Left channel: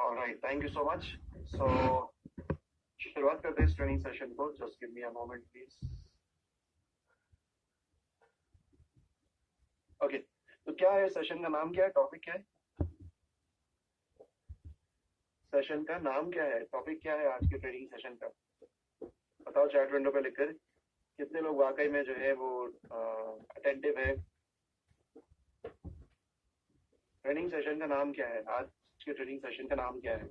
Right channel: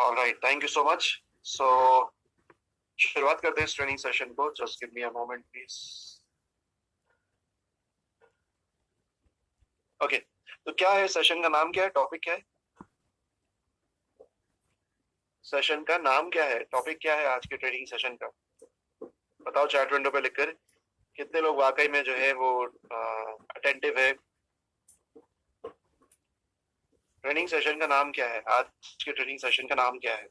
Alright, thank you so much. So शुरुआत करते हैं इस ट्रेनिंग सेशन को। Just give me a moment please. Okay, तो क्या है सेशन का नाम, क्या है, टॉपिक क्या है? सेशन का नाम क्या है, टॉपिक क्या है आज के ट्रेनिंग सेशन का? बताओ चैट विंडो पे लिखकर कितने लोग वाकई में जो है वो अटेंटिव है। ट्रेनिंग सेशन का नाम क्या है, आज के ट्रेनिंग सेशन का नाम क्या है?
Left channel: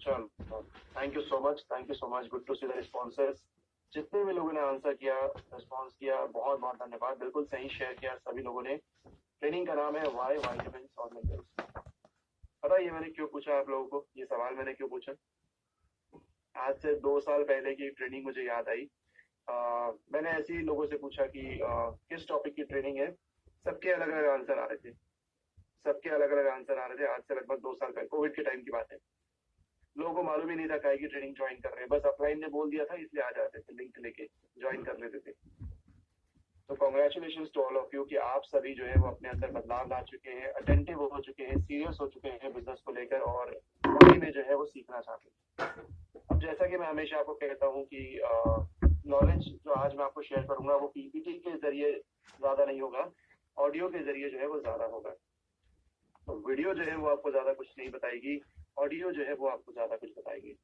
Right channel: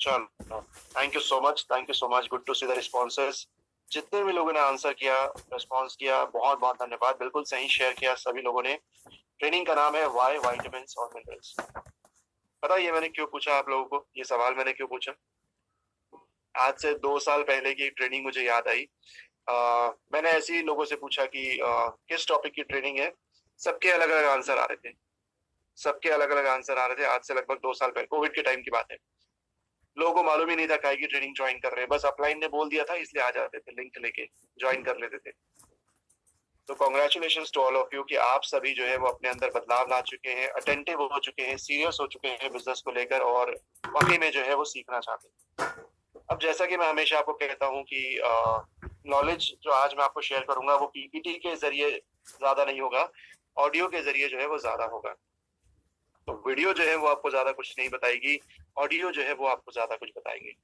चलो, thank you so much, thank you so much, good to see the responses. जितने भी लोगों ने आंसर किया, रिस्पॉन्स किया, बहुत बहुत धन्यवाद। बिल्कुल सही शेयर किया सभी लोगों ने। ट्रेनिंग का नाम है वाई वाइटामिन और मिनरल्स। पता ये मैंने क्यों पूछा आप लोगों को, ये सवाल मैंने क्यों पूछा? आज से 2 साल पहले की ट्रेनिंग मुझे याद आई। मैंने ऐसे ही लोगों से पूछा कि किस टॉपिक की ट्रेनिंग है। सबके अलग अलग आंसर आ रहे थे, सबके अलग अलग आंसर आ रहे थे। आज से लगभग 2 साल पहले, कोविड के टाइम की बात है। लोगों को मालूम ही नहीं था काय की ट्रेनिंग ज्वाइन कर रहे हैं, बस अपलाइन ने बोल दिया था इसलिए आ जाते थे, लिंक लेके ज्वाइन कर लेते थे। तो congratulation to all of you कि आप सभी जो है वो अपने अंदर बदलाव ला चुके हैं, अटेंटिव हो चुके हैं, सीरियस हो चुके हैं बिजनेस को लेकर, और वाकई में जो है वो सीखना चाहते हैं। अब जैसा कि मैं हमेशा आपको कहता हूँ कि नॉलेज जो आज मैं आपको शेयर करूंगा वो पीपीटी के जरिए ज्यादा नहीं होगा, ऑडियो के जरिए जो है वो ज्यादा होगा। तो वीडियो जो है वो आपको ज्यादा कुछ नहीं बताएगी, ऑडियो जो है वो आपको ज्यादा कुछ बताएगी।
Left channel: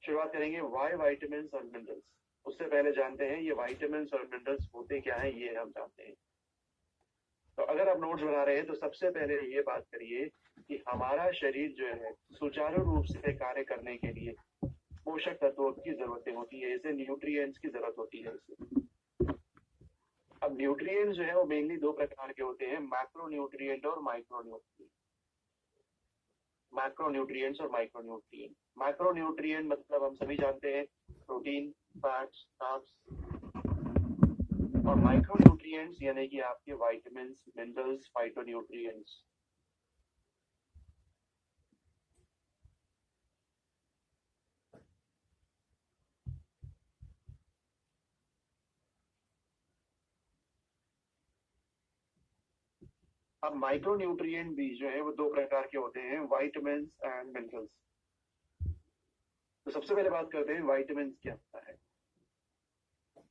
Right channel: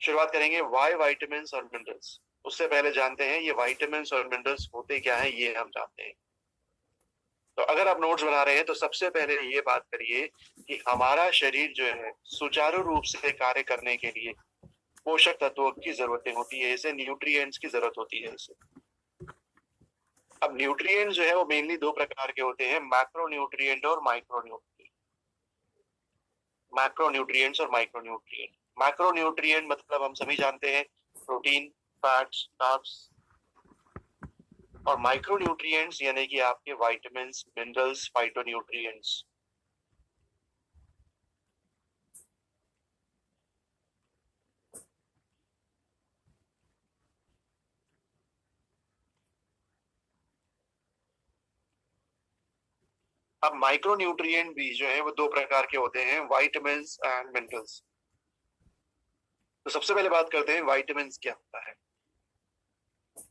शुरुआत करेंगे वाई वाइटामिन और मिनरल्स। उससे पहले जानते हैं ये वाइटामिन और मिनरल्स होते क्या है, ये हम जानते हैं। तो अगर आप नोट्स बना रहे हैं तो सबसे पहले ये बात करिए कि हमारा शरीर जो है सुचारू रूप से कार्य करने के लिए पोषक तत्वों की जरूरतें होती है, इसे न्यूट्रिएंट्स की जरूरत होती है इसे। अब न्यूट्रिएंट्स जो है वो मेनली दो प्रकार के होते हैं, मैक्रो न्यूट्रिएंट और माइक्रो न्यूट्रिएंट। मैक्रो न्यूट्रिएंट्स और माइक्रो न्यूट्रिएंट। मैक्रो न्यूट्रिएंट मतलब हम सभी जानते हैं प्रोटीन, फैट्स, कार्ब्स। और माइक्रो न्यूट्रिएंट्स यानी कि आपके विटामिन, मिनरल्स, फाइटोन्यूट्रिएंट्स। अब माइक्रो न्यूट्रिएंट भी जो है वो दो प्रकार के होते हैं, विटामिन एंड मिनरल्स। तो सबसे पहले बात करते हैं विटामिन क्या होता है।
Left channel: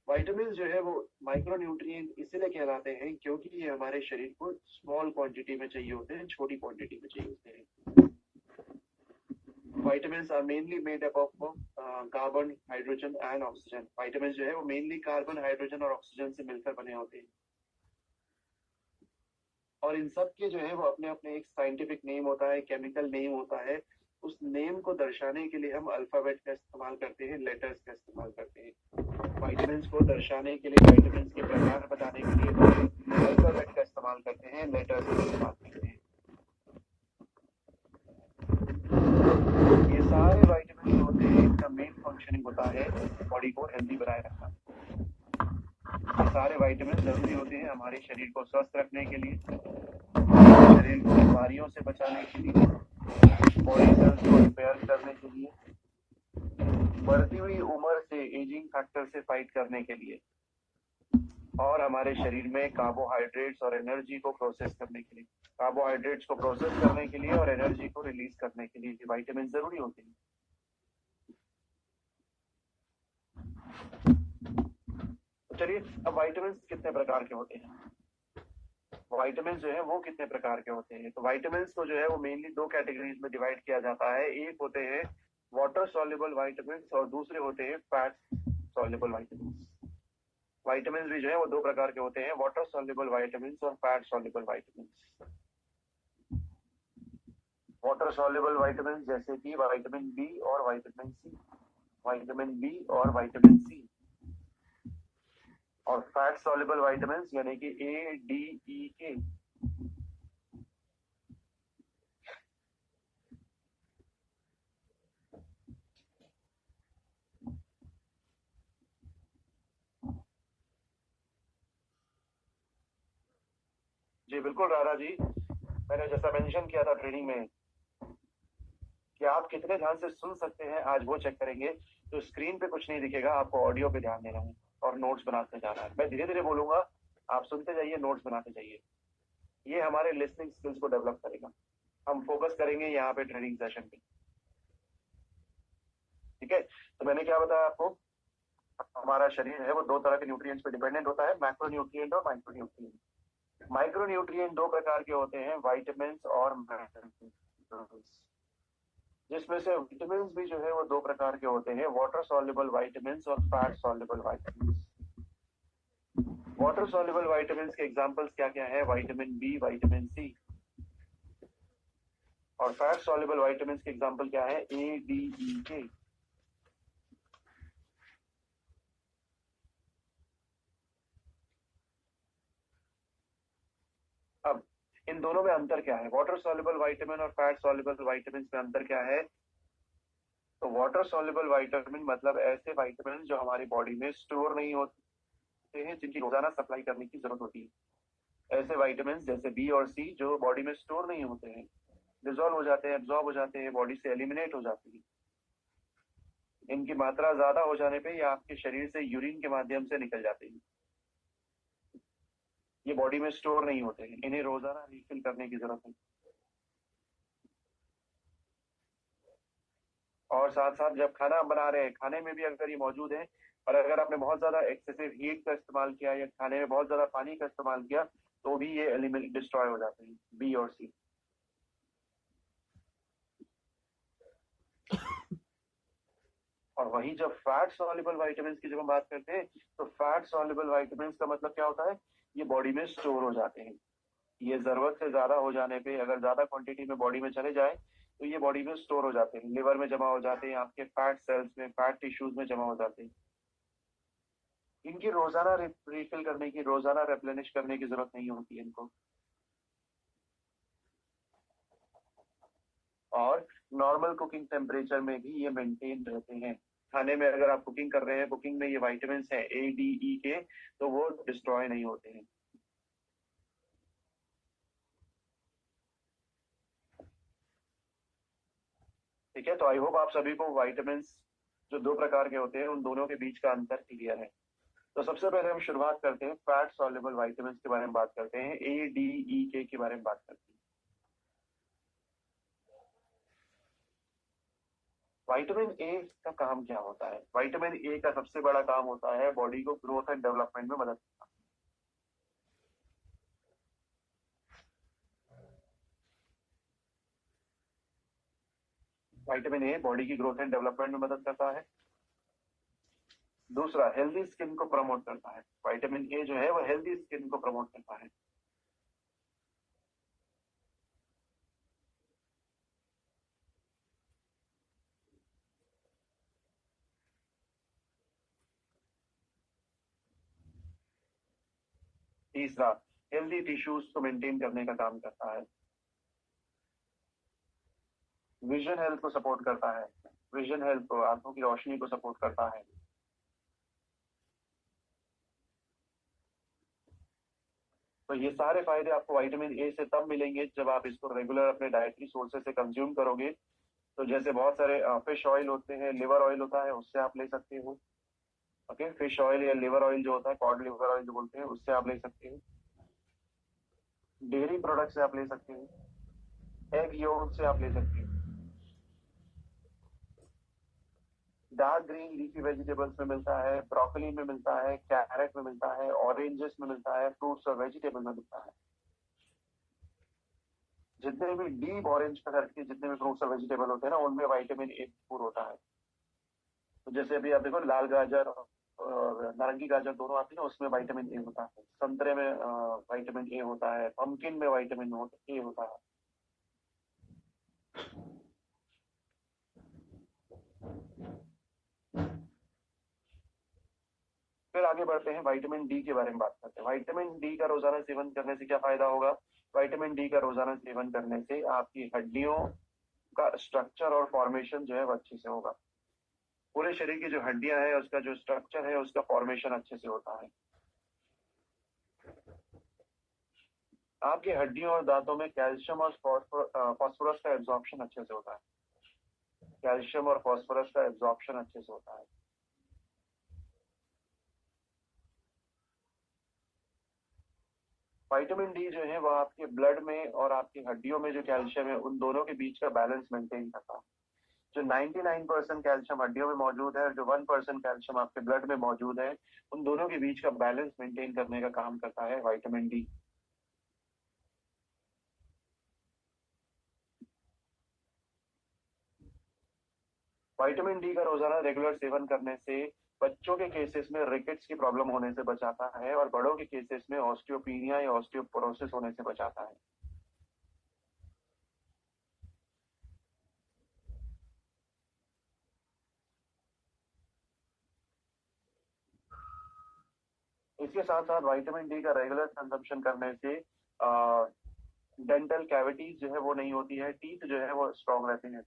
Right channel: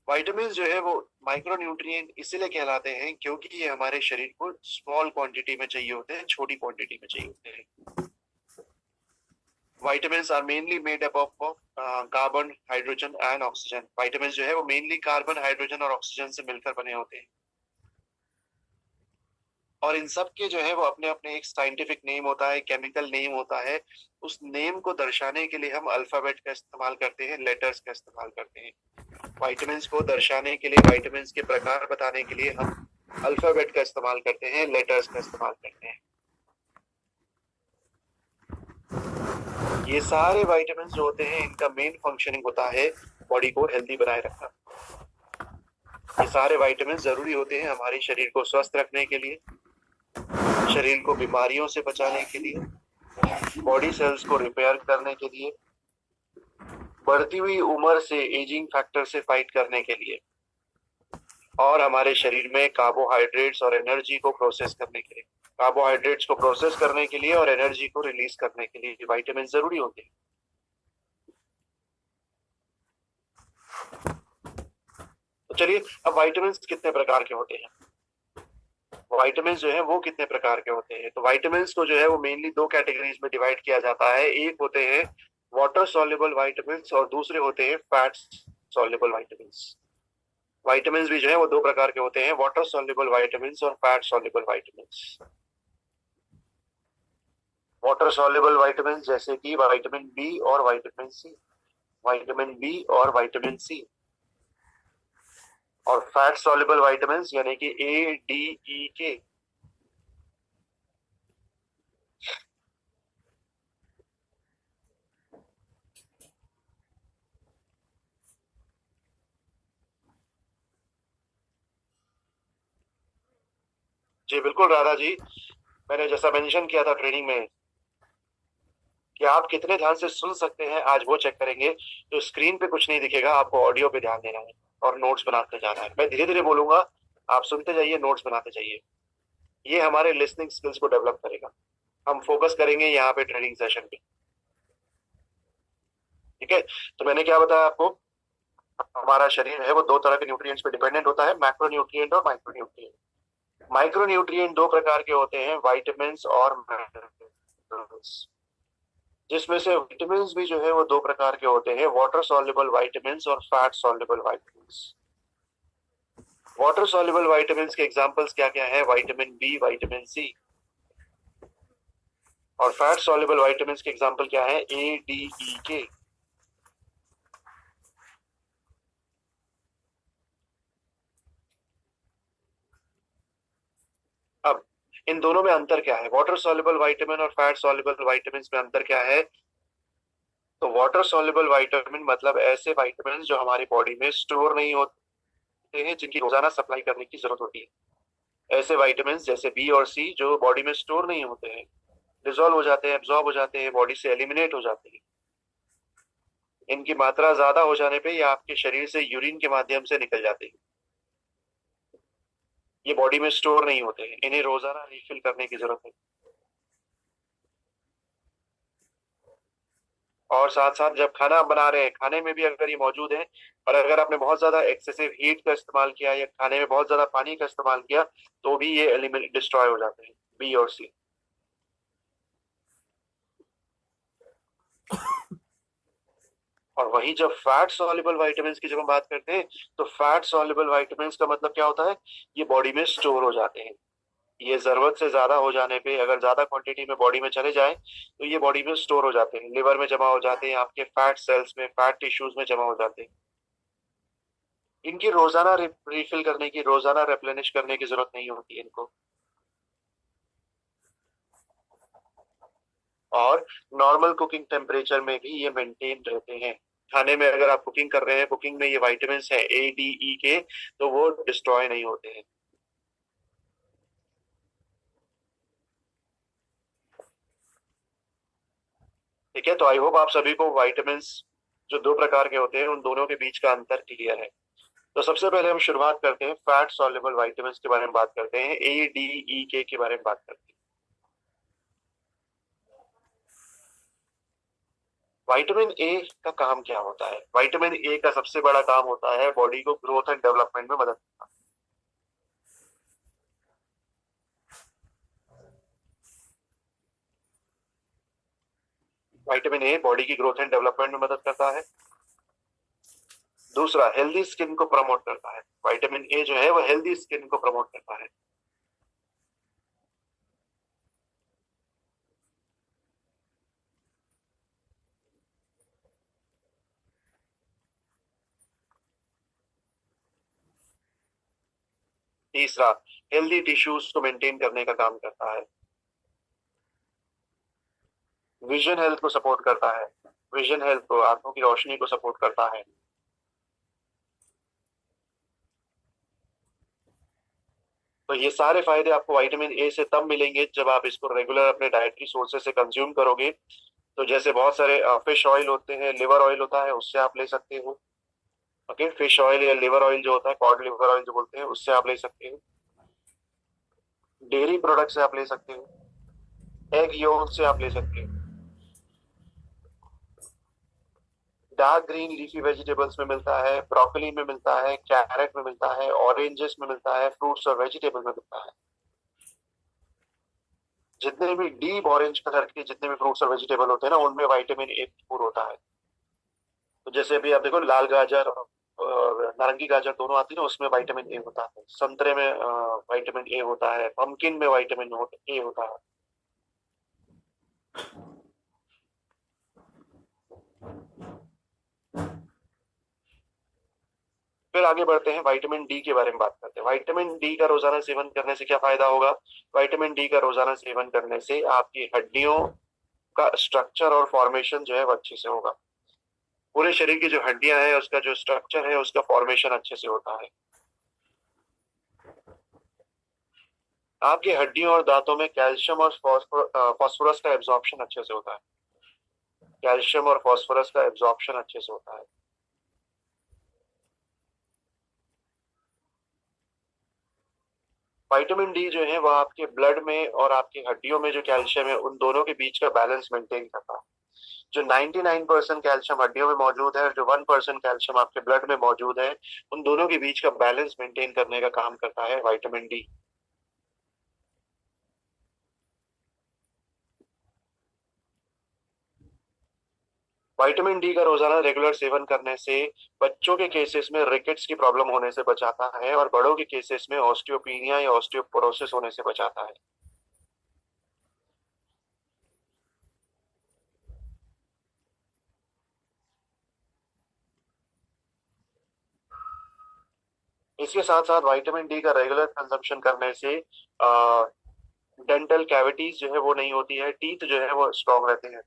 विटामिन जो है वो माइक्रो न्यूट्रिएंट इसीलिए कहलाते हैं क्योंकि ये हमारे शरीर को स्मॉल क्वांटिटी में चाहिए होते हैं, छोटी क्वांटिटी में चाहिए होते हैं। Vitamin are mainly made up of carbon, hydrogen and oxygen. Vitamin जो है वो मेनली कार्बन, हाइड्रोजन और ऑक्सीजन से मिलकर बने होते हैं। और इन सब के जो है वो अपने अपने एक साइंटिफिक नेम होता है, केमिकल नेम होता है। उस नेम को दर्शाने के लिए हम अल्फाबेट का इस्तेमाल करते हैं, लेटर्स का इस्तेमाल करते हैं। विटामिन को दर्शाने के लिए, विटामिन के प्रकार बताने के लिए हम अल्फाबेट का इस्तेमाल करते हैं, लेटर्स का इस्तेमाल करते हैं। ये सारे विटामिन जो होते हैं इनका मेन फंक्शनिंग होता है बॉडी को हेल्दी बनाए रखना। ये सारे विटामिन जरूरी होते हैं हमारे शरीर को स्वस्थ रखने के लिए, शरीर को बीमारियों से बचाने के लिए, बॉडी सेल्स को रिपेयर करने के लिए, बढ़ती हुई उम्र से, एजिंग फैक्टर से फाइट करने के लिए, और हमारे शरीर में कार्बोहाइड्रेट्स और एनर्जी को प्रोसेस करने के लिए। कार्बोहाइड्रेट्स को प्रोसेस करने के लिए और एनर्जी को रिलीज करने के लिए विटामिन जरूरी होते हैं। तो चलिए, अब विटामिन कितने प्रकार के होते हैं, विटामिन जो है वो कितने प्रकार के होते हैं। तो विटामिन को जो है वो मेनली दो कैटेगरीज में डिवाइड किया जाता है। एक होते हैं वाटर सॉल्युबल विटामिन और दूसरे होते हैं फैट सॉल्युबल विटामिन। विटामिन भी जो है वो दो प्रकार के होते हैं, वाटर सॉल्युबल विटामिन और fat soluble vitamin. Water soluble vitamin जैसे कि विटामिन बी और विटामिन सी, विटामिन बी और विटामिन सी। और फैट सॉल्युबल विटामिन यानी कि ए, डी, ई, के। जी बिल्कुल राधा जी, मैंने जैसा मेंशन किया था ट्रेनिंग में कि आप कितने ध्यान से सुन सकते हैं, आज वो चेक करेंगे। तो स्क्रीन पे कुछ नहीं दिखेगा, आपको ऑडियो पे ध्यान देना है और नोट्स बनाते जाना है। मैं धीरे धीरे बोलूंगा, आप सुनते जाइए, नोट्स बनाते जाइए। ये हमारे लिसनिंग स्किल्स को डेवलप करेगा। हम फोकस करेंगे यहाँ पे ट्रेनिंग सेशन पे। ठीक है, तो मैंने क्या बताया आपको, हमारा शरीर है वो दो तरह के न्यूट्रिएंट्स पे डिपेंडेंट होता है, मैक्रो न्यूट्रिएंट और माइक्रो न्यूट्रिएंट। माइक्रो न्यूट्रिएंट दो प्रकार के होते हैं, वाइटामिन्स और मिनरल्स। जिसमें से विटामिन्स भी जो है वो दो प्रकार के होते हैं, वाटर सॉल्युबल वाइटामिन्स और fat soluble vitamins. Water soluble vitamins के एग्जांपल्स क्या क्या है, विटामिन बी, विटामिन सी। और फैट सॉल्युबल वाइटामिन्स के एग्जांपल क्या है, ए, डी, ई, के। अब इन दोनों में अंतर क्या है, वाटर सॉल्युबल विटामिन और फैट सॉल्युबल विटामिन्स में अंतर क्या है। तो वाटर सॉल्युबल विटामिन मतलब ऐसे विटामिन जो हमारी बॉडी में स्टोर नहीं होते हैं, जिनकी रोजाना सप्लाई करने की जरूरत होती है। ऐसे विटामिन जैसे बी और सी जो बॉडी में स्टोर नहीं होते हैं, डिजोल्व हो जाते हैं, एब्जॉर्ब हो जाते हैं, बॉडी से एलिमिनेट हो जाते हैं। इनकी मात्रा ज्यादा हो जाने पे ये आपके शरीर से यूरिन के माध्यम से निकल जाते हैं। ये बॉडी में स्टोर नहीं होते हैं, इन्हें रोजाना रिफिल करने की जरूरत है। और साथ साथ जब खाना बना रहे हैं, खाने में भी अगर ये मौजूद है, और अगर आपने बहुत ज्यादा एक्सेसिव हीट का इस्तेमाल किया या खाने में बहुत ज्यादा पानी का इस्तेमाल किया, तो भी ये एलिमिनेट डिस्ट्रॉय हो जाते हैं, बी और सी। और वही जब फैट सॉल्युबल विटामिन्स की जब हम बात करते हैं, तो फैट सॉल्युबल विटामिन्स का मतलब क्या होता है, ये बॉडी में स्टोर हो जाते हैं। ये जरूरत से ज्यादा हो जाने पे, अगर ज्यादा क्वांटिटी में बॉडी में चले जाए, तो ये बॉडी में स्टोर हो जाते हैं, लिवर में जमा हो जाते हैं, आपके फैट सेल्स में, फैट टिश्यूज में जमा हो जाते हैं। इनकी रोजाना रिफिल करने की, रोजाना रेप्लेनिश करने की जरूरत नहीं होती है इनको। और नॉर्मल कुकिंग टेम्परेचर में भी ये मेंटेन रहते हैं। खाने में अगर आप कुकिंग कर रहे हैं, कुकिंग में ये विटामिन है ए, डी, ई, के, तो वो डिस्ट्रॉय नहीं होते हैं। ठीक है, तो आई होप आप सभी को विटामिन जो दो प्रकार के होते हैं, उन दोनों के बीच का अंतर क्लियर है। तो सबसे पहले हम शुरुआत करते हैं, फैट सॉल्युबल विटामिन के बारे में बात करते हैं, ए, डी, ई, के बारे में बात करते हैं। विटामिन ए का काम क्या होता है, विटामिन ए का सबसे बड़ा काम होता है बॉडी को ग्रोथ एंड डेवलपमेंट में मदद करना। विटामिन ए बॉडी की ग्रोथ एंड डेवलपमेंट में मदद करता है। दूसरा, हेल्दी स्किन को प्रमोट करता है। विटामिन ए जो है वो हेल्दी स्किन को प्रमोट करता है। तीसरा, हेल्दी टिश्यूज को मेंटेन करने का काम करता है। विजन हेल्थ को सपोर्ट करता है, विजन हेल्थ को, आंखों की रोशनी को सपोर्ट करता है। तो ये सारे फायदे आपको विटामिन ए से तब मिलेंगे जब आप इसको रेगुलर अपने डाइटरी सोर्सेज से कंज्यूम करोगे। तो जैसे बहुत सारे फिश ऑयल होते हैं, लिवर ऑयल होता है, उससे आप ले सकते हो। ओके, फिश ऑयल या लिवर ऑयल जो होता है, कॉड लिवर ऑयल जो बोलते हैं, उससे आप ले सकते हो। डेयरी प्रोडक्ट से आप ले सकते हो। एग योक से आप ले सकते हो। डार्क ग्रीन लीफी वेजिटेबल्स में मिलता है, ब्रोकली में मिलता है, कैरेट में मिलता है, ऑरेंजेस में मिलता है, फ्रूट्स और वेजिटेबल में मिलता है। जितने भी डीप ऑरेंज कलर के जितने भी फ्रूट्स और वेजिटेबल होते हैं ना, उनमें विटामिन ए भरपूर होता है। तो जैसे अभी आप देखो, लाल गाजर और नारंगी गाजर दोनों आती है ना, उसमें विटामिन ए होता है। संतरे में विटामिन ए होता है, पम्पकिन में विटामिन ए होता है। फिर आगे बढ़ते हैं, विटामिन डी के बारे में बात करते हैं। विटामिन डी का रोजाना सेवन करने से क्या फायदा होगा। विटामिन डी का रोजाना सेवन करने से आपकी हड्डियों का स्ट्रक्चर और फॉर्मेशन जो है वो अच्छे से होगा। पूरे शरीर की जो हड्डियां हैं, उसका जो स्ट्रक्चर है, उसका फॉर्मेशन अच्छे से होता है। आपकी हड्डियों और दांतों में कैल्शियम और फास्फोरस का एब्जॉर्प्शन अच्छे से होता है। कैल्शियम और फॉस्फोरस का एब्जॉर्प्शन अच्छे से होता है। विटामिन डी जो है वो आपके ब्लड में और आपकी हड्डियों में जो कैल्शियम है उन दोनों के बीच का बैलेंस मेंटेन करता है। जो 99% कैल्शियम हड्डियों में मौजूद है और जो 1% कैल्शियम आपके ब्लड में मौजूद है, उन दोनों के बीच का बैलेंस मेंटेन करने का काम करता है विटामिन डी। विटामिन डी का रोजाना रेगुलर सेवन करने से बच्चों के केसेस में रिकेट्स की प्रॉब्लम होने से बचाता है और बड़ों के केसेस में ऑस्टियोपीनिया या ऑस्टियोपोरोसिस होने से बचाता है। इसके साथ साथ विटामिन डी का रेगुलर कंजम्पशन करने से डेंटल कैविटीज जो है वो नहीं होती है, टीथ जो है वो स्ट्रांग रहते हैं।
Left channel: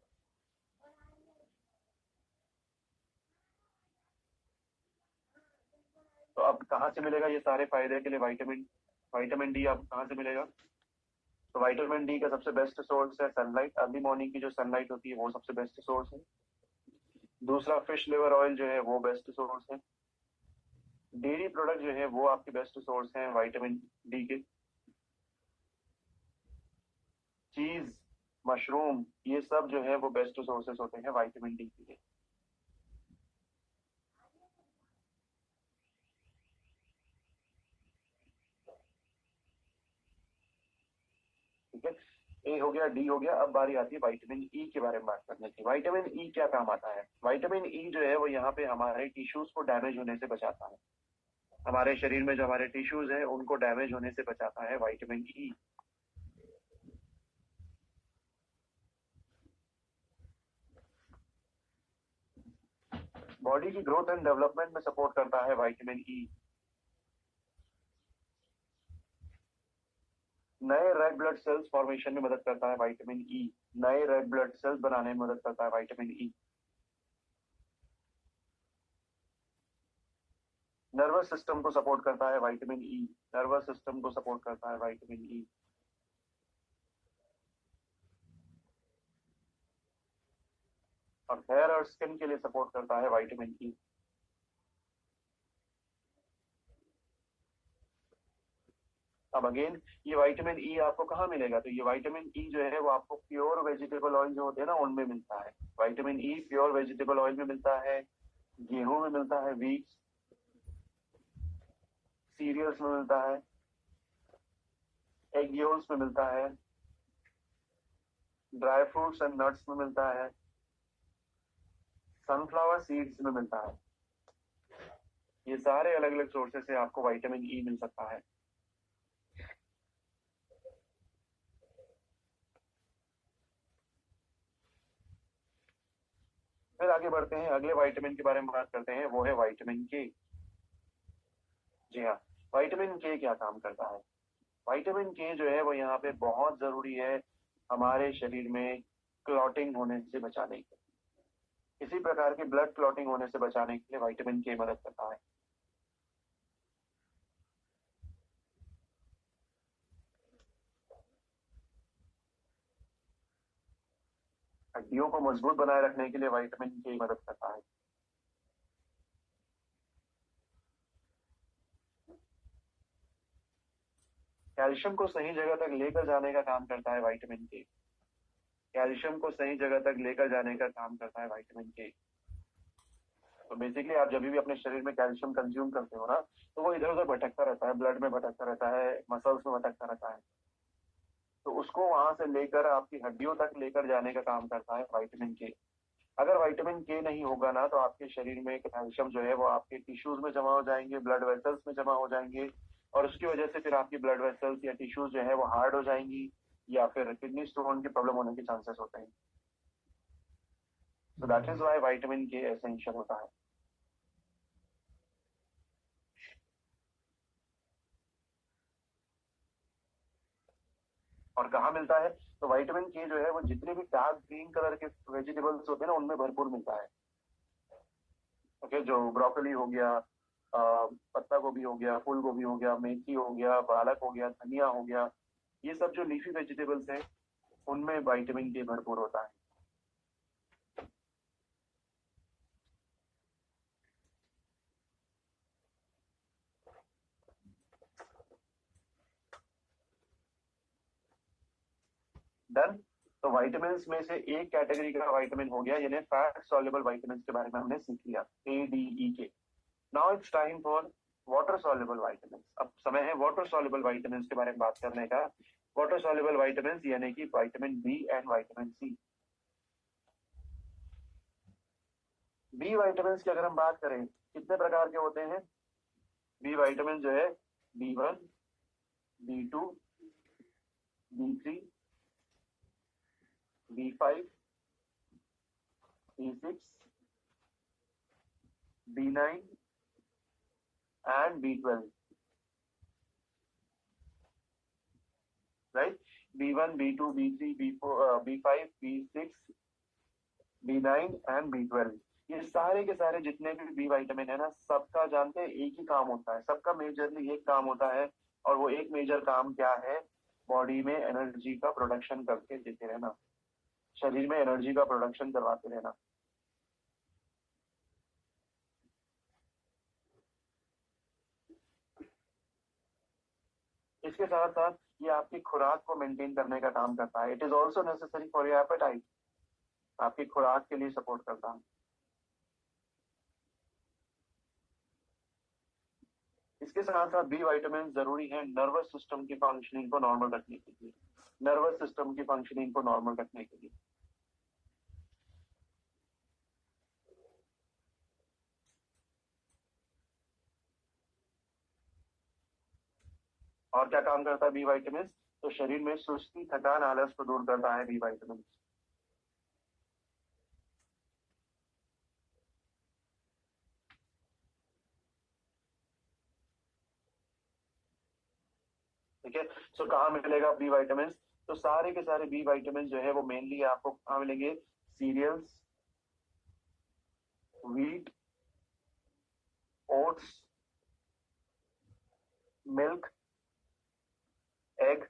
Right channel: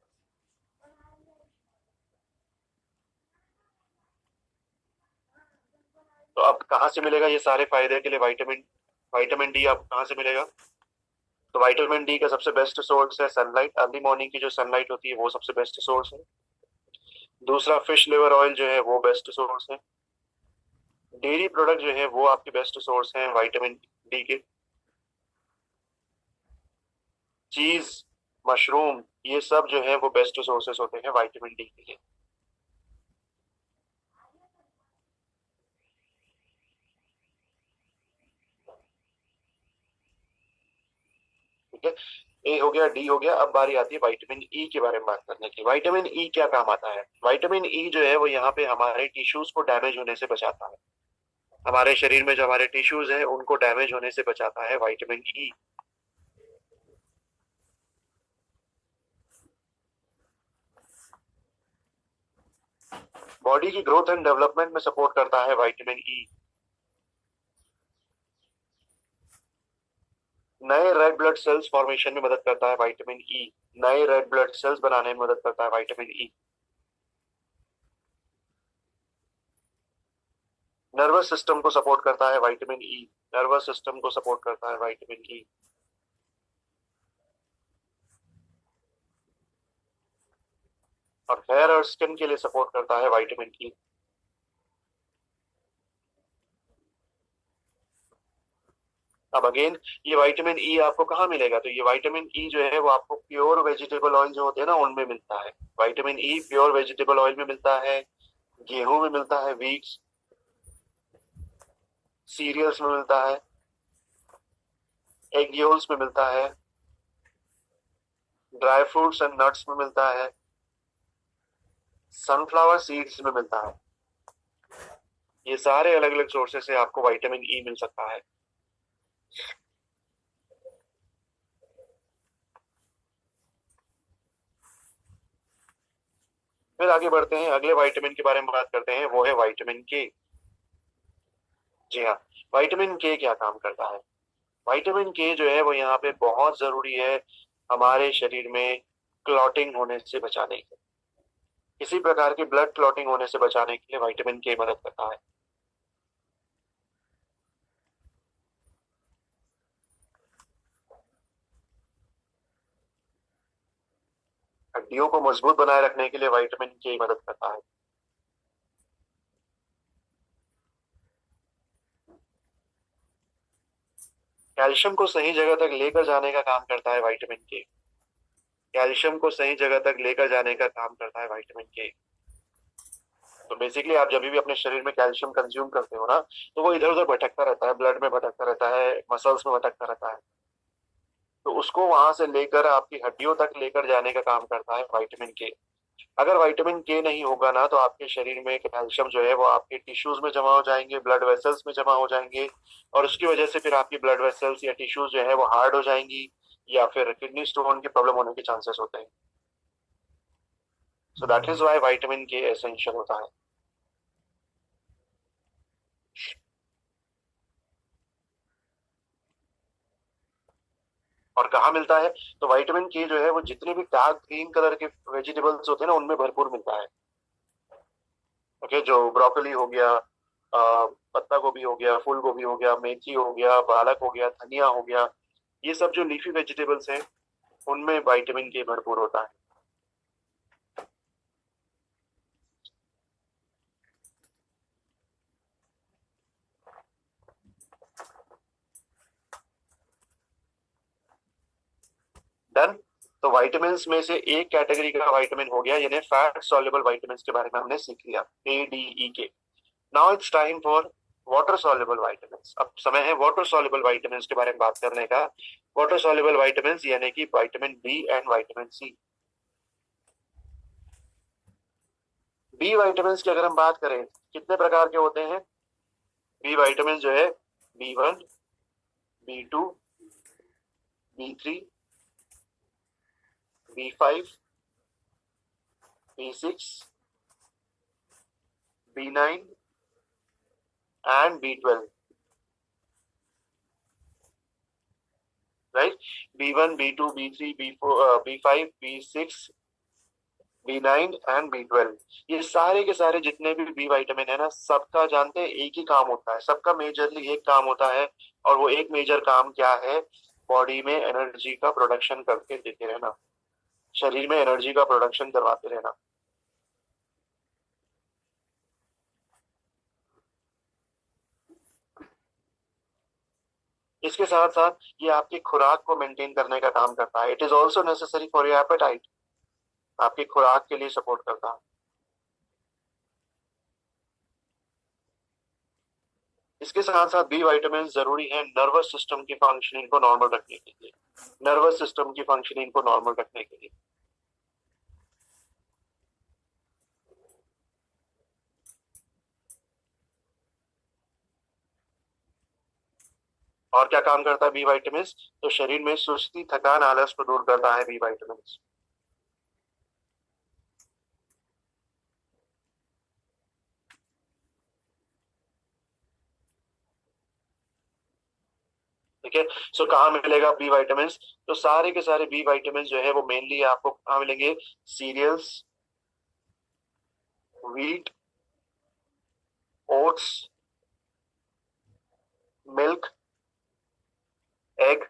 तो अब कहाँ से मिलेगा ये सारे फायदे के लिए विटामिन विटामिन डी अब कहाँ से मिलेगा? तो विटामिन डी का सबसे बेस्ट सोर्स है सनलाइट। अर्ली मॉर्निंग की जो सनलाइट होती है वो सबसे बेस्ट सोर्स है। दूसरा फिश लिवर ऑयल जो है वो बेस्ट सोर्स है। डेयरी प्रोडक्ट जो है वो आपके बेस्ट सोर्स हैं विटामिन डी के। चीज, मशरूम, ये सब जो है वो बेस्ट सोर्सेस होते हैं विटामिन डी के लिए। ठीक है, ए हो गया, डी हो गया। अब बारी आती है विटामिन ई के बारे में बात करने की। विटामिन ई क्या काम आता है? विटामिन ई जो है वो यहाँ पे हमारे टिश्यूज को डैमेज होने से बचाता है। हमारे शरीर में जो हमारे टिश्यूज है उनको डैमेज होने से बचाता है विटामिन ई। बॉडी की ग्रोथ एंड डेवलपमेंट में सपोर्ट करता है विटामिन ई। नए रेड ब्लड सेल्स फॉर्मेशन में मदद करता है विटामिन ई। नए रेड ब्लड सेल्स बनाने में मदद करता है विटामिन ई। नर्वस सिस्टम को सपोर्ट करता है विटामिन ई। नर्वस सिस्टम को सपोर्ट करता है विटामिन ई। और हेयर और स्किन के लिए सपोर्ट करता है विटामिन ई। अब अगेन, ये विटामिन ई आपको कहाँ मिलेगा? तो ये विटामिन ई जो है वो आपको प्योर वेजिटेबल ऑयल जो होते हैं ना उनमें मिलता है। Vitamin E pure vegetable oil में मिलता है, गेहूं में मिलता है, वीट्स, सीरियल्स में मिलता है, एग योल्स में मिलता है, ड्राई फ्रूट्स एंड नट्स में मिलता है, सनफ्लावर सीड्स में मिलता है। ये सारे अलग अलग सोर्सेस से आपको विटामिन ई मिल सकता है। फिर आगे बढ़ते हैं, अगले विटामिन के बारे में बात करते हैं, वो है विटामिन के। जी हाँ, विटामिन के क्या काम करता है? विटामिन के जो है वो यहाँ पे बहुत जरूरी है हमारे शरीर में क्लॉटिंग होने से बचाने के, किसी प्रकार की ब्लड क्लॉटिंग होने से बचाने के लिए विटामिन के मदद करता है। हड्डियों को मजबूत बनाए रखने के लिए विटामिन के मदद करता है। कैल्शियम को सही जगह तक लेकर जाने का काम करता है विटामिन के। कैल्शियम को सही जगह तक लेकर जाने का काम करता है विटामिन के। तो बेसिकली आप जब भी अपने शरीर में कैल्शियम कंज्यूम करते हो ना, तो वो इधर उधर भटकता रहता है, ब्लड में भटकता रहता है, मसल्स में भटकता रहता है। तो उसको वहां से लेकर आपकी हड्डियों तक लेकर जाने का काम करता है विटामिन के। अगर विटामिन के नहीं होगा ना तो आपके शरीर में कैल्शियम जो है वो आपके टिश्यूज में जमा हो जाएंगे, ब्लड वेसल्स में जमा हो जाएंगे, और उसकी वजह से फिर आपकी ब्लड वेसल्स या टिश्यूज जो है वो हार्ड हो जाएंगी या फिर किडनी स्टोन की प्रॉब्लम होने के चांसेस होते हैं। So that is why vitamin के एसेंशियल होता है। और कहाँ मिलता है? तो विटामिन के जो है वो जितने भी डार्क ग्रीन कलर के वेजिटेबल्स होते हैं ना उनमें भरपूर मिलता है। ओके, जो ब्रोकली हो गया, पत्ता गोभी हो गया, फूल गोभी हो गया, मेथी हो गया, पालक हो गया, धनिया हो गया, ये सब जो लीफी वेजिटेबल्स हैं उनमें विटामिन के भरपूर होता है। डन। तो वाइटामिन में से एक कैटेगरी का वाइटामिन हो गया, यानी फैट सॉल्युबल वाइटामिन के बारे में हमने सीख लिया, ADE के। Now it's time for water soluble vitamin. अब समय है वाटर सॉल्युबल वाइटामिन के बारे में बात करने का। वाटर सॉल्युबल वाइटामिन यानी कि vitamin B and vitamin C. B vitamin की अगर हम बात करें, कितने प्रकार के होते हैं बी विटामिन जो है? B1, B2, B3, B5, B6, B9 and B12, right? B1, B2, B3, B4, B5, B6, B9 and B12, ये सारे के सारे जितने भी बी विटामिन है ना, सबका जानते हैं एक ही काम होता है, सबका मेजरली एक काम होता है। और वो एक मेजर काम क्या है? बॉडी में एनर्जी का प्रोडक्शन करके देते रहना, शरीर में एनर्जी का प्रोडक्शन करवाते रहना। इसके साथ साथ ये आपकी खुराक को मेंटेन करने का काम करता है। It is also necessary for your apatite, आपकी खुराक के लिए सपोर्ट करता है। इसके साथ साथ बी विटामिन जरूरी है नर्वस सिस्टम की फंक्शनिंग को नॉर्मल रखने के लिए, नर्वस सिस्टम की फंक्शनिंग को नॉर्मल रखने के लिए। और क्या काम करता है बी विटामिन? तो शरीर में सुस्ती, थकान, आलस को दूर करता है बी विटामिन। ठीक है, सो कहाँ मिलेगा बी विटामिन? तो सारे के सारे बी विटामिन जो है वो मेनली आपको कहाँ मिलेंगे? Cereals, wheat, oats, milk, egg,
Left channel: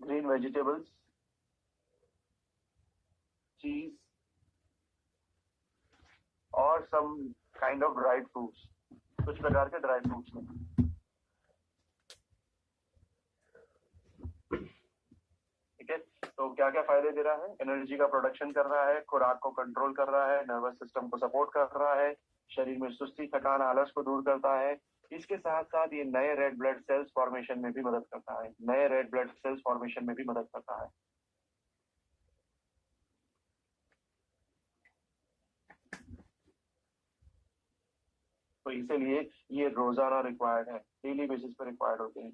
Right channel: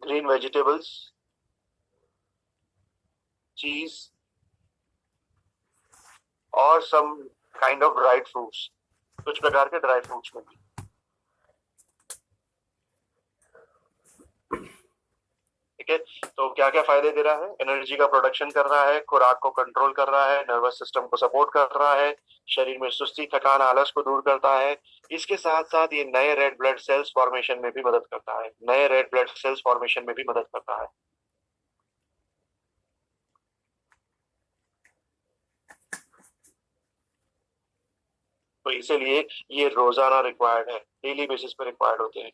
green vegetables, cheese और some kind of dried fruits, कुछ प्रकार के ड्राई फ्रूट्स में। ठीक है, तो क्या क्या फायदे दे रहा है? एनर्जी का प्रोडक्शन कर रहा है, खुराक को कंट्रोल कर रहा है, नर्वस सिस्टम को सपोर्ट कर रहा है, शरीर में सुस्ती, थकान, आलस को दूर करता है। इसके साथ साथ ये नए रेड ब्लड सेल्स फॉर्मेशन में भी मदद करता है, नए रेड ब्लड सेल्स फॉर्मेशन में भी मदद करता है। तो इसीलिए ये रोजाना रिक्वायर्ड है, डेली बेसिस पर रिक्वायर्ड होते हैं।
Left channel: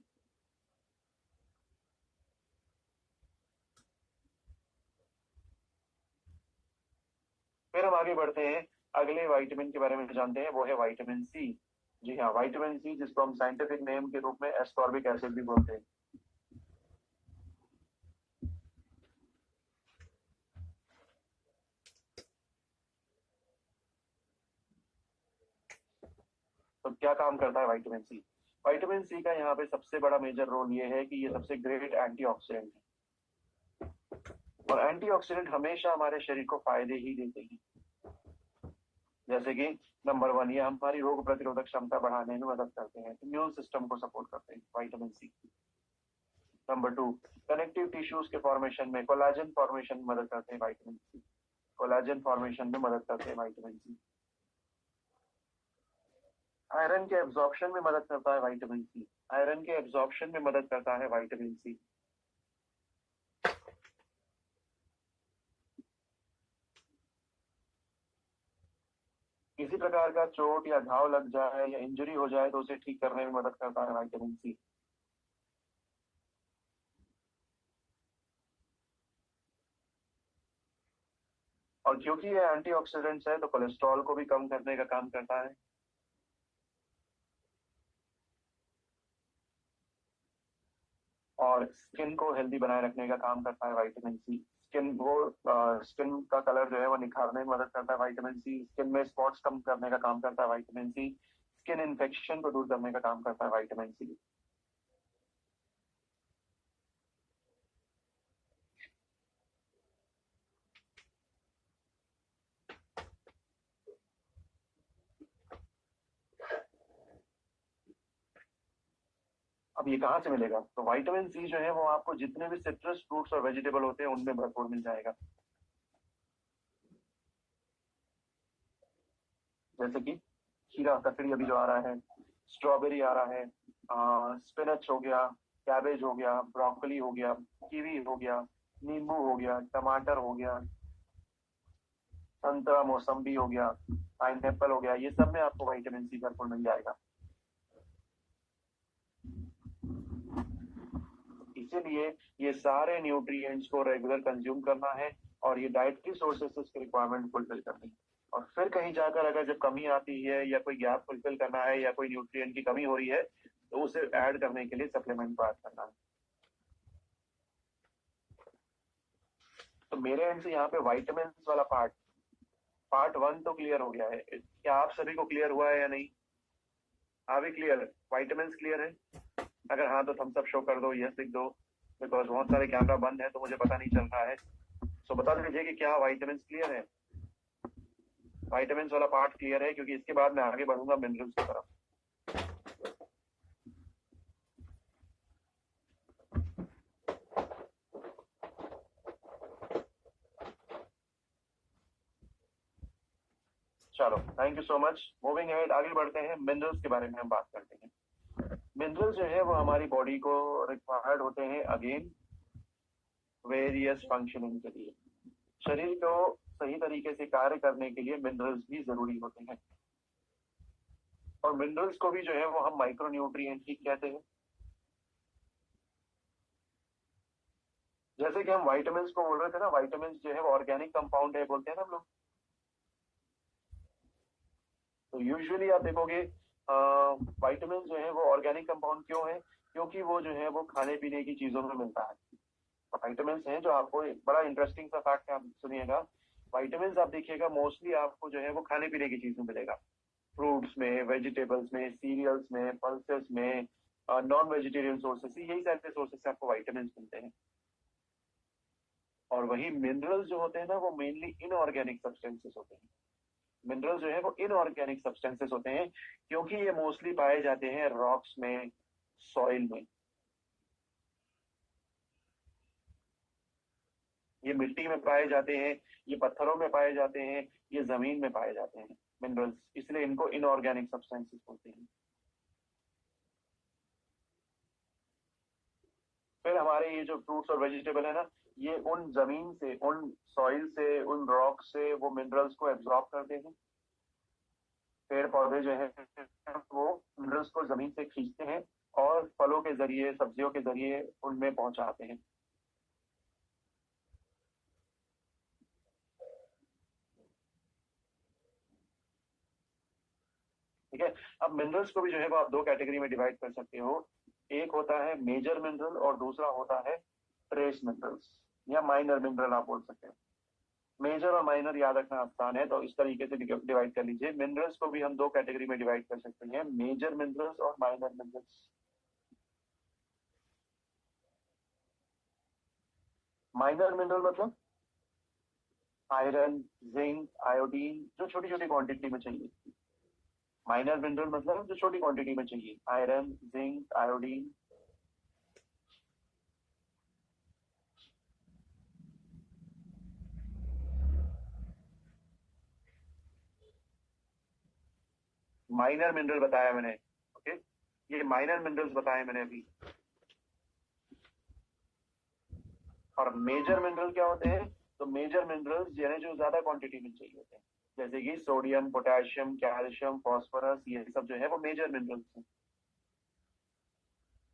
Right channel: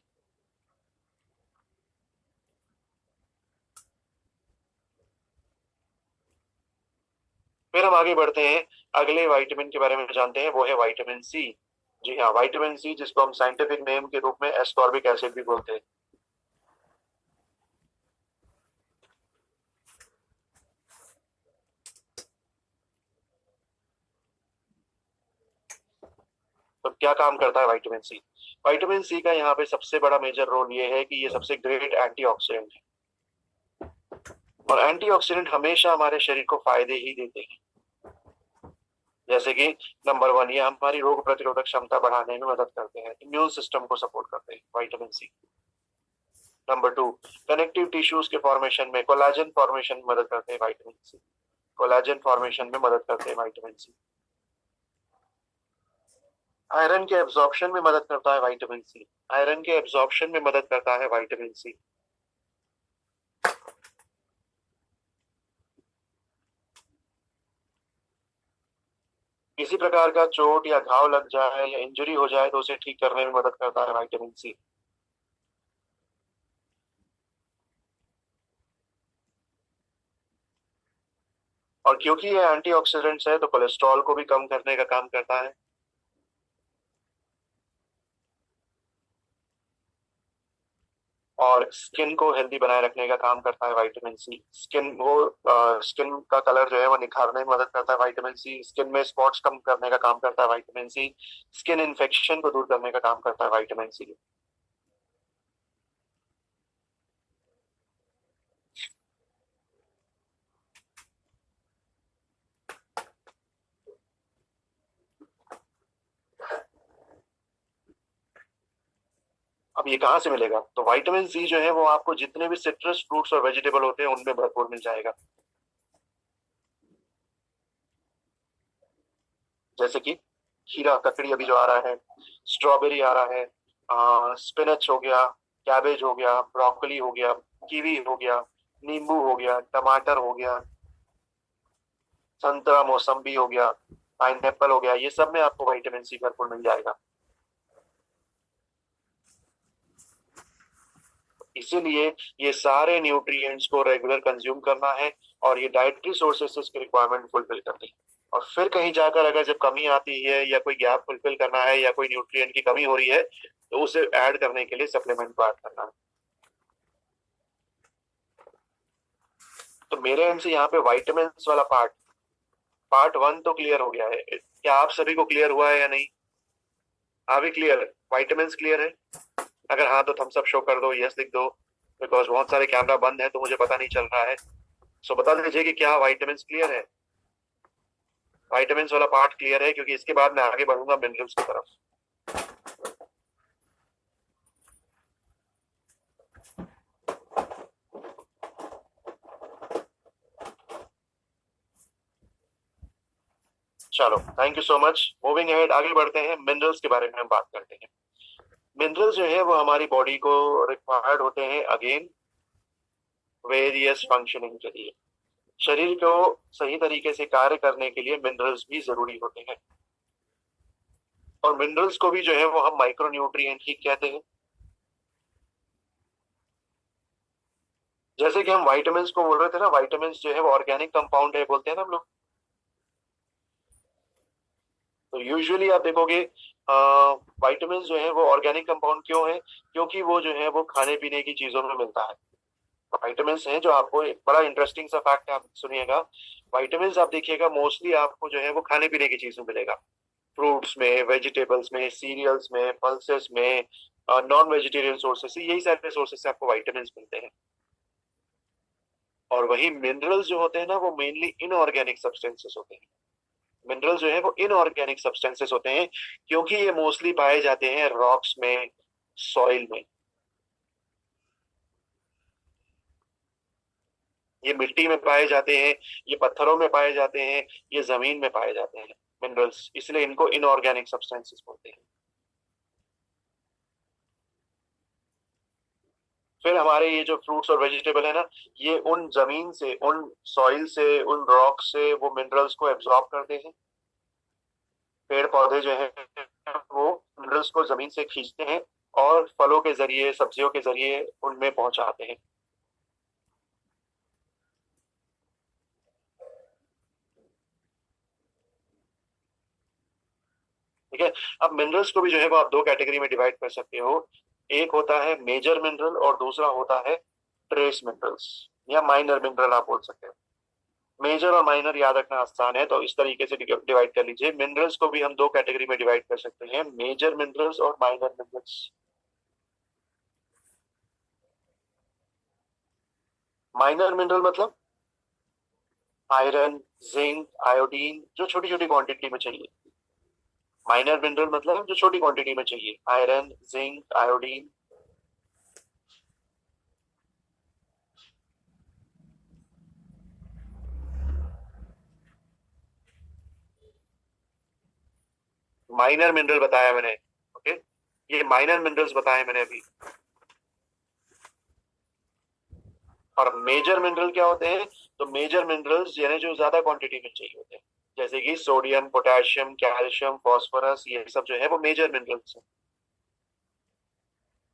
फिर हम आगे बढ़ते हैं, अगले विटामिन के बारे में जानते हैं, वो है विटामिन सी। जी हाँ, विटामिन सी, जिसको हम साइंटिफिक नेम के रूप में एस्कॉर्बिक एसिड भी बोलते हैं। तो क्या काम करता है विटामिन सी? विटामिन सी का यहाँ पे सबसे बड़ा मेजर रोल ये है कि ये सबसे ग्रेट एंटीऑक्सीडेंट है, और एंटीऑक्सीडेंट हमेशा हमारे शरीर को फायदे ही देते हैं। जैसे कि नंबर 1, ये हमारी रोग प्रतिरोधक क्षमता बढ़ाने में मदद करते हैं, इम्यून सिस्टम को सपोर्ट करते हैं vitamin C. Number 2, connective tissues के फॉर्मेशन में, कोलाजन फॉर्मेशन में मदद करते हैं विटामिन सी, कोलाजन फॉर्मेशन में मदद करते हैं विटामिन सी। आयरन के एब्जॉर्प्शन में मदद करता है विटामिन सी, आयरन के एब्जॉर्प्शन में मदद करता है विटामिन सी। किसी प्रकार का चोट या घाव लग जाए या इंजरी हो जाए तो उसे ठीक करने में मदद करता है विटामिन सी। और क्योंकि ये एंटीऑक्सीडेंट्स है तो कोलेस्ट्रॉल को भी कम करने का काम करता है। और स्किन को हेल्दी बनाए रखने का काम करता है विटामिन सी। स्किन का कलर जो है वो निखारने में मदद करता है विटामिन सी। स्किन में स्पॉट्स कम करने का काम करता है विटामिन सी। स्किन इन्फेक्शन को दूर करने का काम करता है विटामिन सी। अब ये कहाँ से मिलेगा? तो विटामिन सी जो है वो आपको जितने भी सिट्रस फ्रूट्स और वेजिटेबल होते हैं उनमें भरपूर मिल जाएगा। जैसे कि खीरा, ककड़ी अभी जो आ रहा है, स्ट्रॉबेरी आ रहा है, स्पिनच हो गया, कैबेज हो गया, ब्रोकली हो गया, कीवी हो गया, नींबू हो गया, टमाटर हो गया, संतरा मौसम्बी हो गया, पाइनएप्पल हो गया, ये सब में आपको विटामिन सी भरपूर मिल जाएगा। इसीलिए ये सारे न्यूट्रिएंट्स को रेगुलर कंज्यूम करना है और ये डाइटरी सोर्सेस की रिक्वायरमेंट फुलफिल करनी है। और फिर कहीं जाकर अगर जब कमी आती है या कोई गैप फुलफिल करना है या कोई न्यूट्रिएंट की कमी हो रही है तो उसे ऐड करने के लिए सप्लीमेंट को ऐड करना है। तो मेरे एंड से यहाँ पे विटामिन वाला पार्ट 1 तो क्लियर हो गया है। क्या आप सभी को क्लियर हुआ है या नहीं? हाँ भी क्लियर है, विटामिन क्लियर है? अगर हाँ तो थम्स अप शो कर दो, यस लिख दो, बिकॉज बहुत सारे कैमरा बंद है तो मुझे पता नहीं चल रहा है। सो बता दीजिए कि क्या विटामिन क्लियर है? विटामिन वाला पार्ट क्लियर है, क्योंकि इसके बाद मैं आगे बढ़ूंगा मिनरल्स की तरफ। चलो, thank you so much. Moving ahead, आगे बढ़ते हैं, मिनरल्स के बारे में हम बात करते हैं। मिनरल्स जो है वो हमारी बॉडी को रिक्वायर्ड होते हैं अगेन वेरियस फंक्शनिंग के लिए। शरीर को सही तरीके से कार्य करने के लिए मिनरल्स भी जरूरी होते हैं। और मिनरल्स को भी जो है वो हम माइक्रो न्यूट्रिएंट ही कहते हैं। जैसे कि हम विटामिन को बोल रहे थे ना, विटामिन जो है वो ऑर्गेनिक कंपाउंड है बोलते हैं ना हम लोग। तो यूजुअली आप देखोगे विटामिन जो है वो ऑर्गेनिक कंपाउंड क्यों है? क्योंकि वो जो है वो खाने पीने की चीजों में मिलता है। विटामिन है जो आपको एक बड़ा इंटरेस्टिंग सा फैक्ट आप सुनिएगा, विटामिन आप देखिएगा मोस्टली आपको जो है वो खाने पीने की चीज में मिलेगा। फ्रूट्स में, वेजिटेबल्स में, सीरियल्स में, पल्सेस में, नॉन वेजिटेरियन सोर्सेस से, यही सारे सोर्सेस से आपको विटामिन मिलते हैं। और वही मिनरल्स जो होते हैं ना वो मेनली इनऑर्गेनिक सब्सटेंसेस होते हैं। मिनरल्स जो है वो इनऑर्गेनिक सब्सटेंसेस होते हैं क्योंकि ये मोस्टली पाए जाते हैं रॉक्स में, सॉइल में। ये मिट्टी में पाए जाते हैं, ये पत्थरों में पाए जाते हैं, ये जमीन में पाए जाते हैं मिनरल्स, इसलिए इनको इनऑर्गेनिक सब्सटेंसेस बोलते हैं। फिर हमारे ये जो फ्रूट्स और वेजिटेबल है ना, ये उन जमीन से, उन सॉइल से, उन रॉक से वो मिनरल्स को एब्जॉर्ब करते हैं। पेड़ पौधे जो है वो मिनरल्स को जमीन से खींचते हैं और फलों के जरिए, सब्जियों के जरिए उनमें पहुंचाते हैं। ठीक है। अब मिनरल्स को भी जो है वो आप दो कैटेगरी में डिवाइड कर सकते हो। एक होता है मेजर मिनरल और दूसरा होता है ट्रेस मिनरल्स या माइनर मिनरल आप बोल सकते हो। मेजर और माइनर याद रखना आसान है, तो इस तरीके से डिवाइड कर लीजिए। मिनरल्स को भी हम दो कैटेगरी में डिवाइड कर सकते हैं, मेजर मिनरल्स और माइनर मिनरल्स। माइनर मिनरल मतलब आयरन, जिंक, आयोडीन, जो छोटी छोटी क्वांटिटी में चाहिए। माइनर मिनरल मतलब जो छोटी क्वांटिटी में चाहिए, iron, zinc, iodine. Minor mineral बताया मैंने, ओके। ये माइनर मिनरल्स बताए मैंने अभी। और मेजर मिनरल क्या होते हैं? तो मेजर मिनरल्स यानी जो ज्यादा क्वांटिटी में चाहिए होते हैं, जैसे कि सोडियम, पोटेशियम, कैल्शियम, फास्फोरस, ये सब जो है वो मेजर मिनरल्स हैं।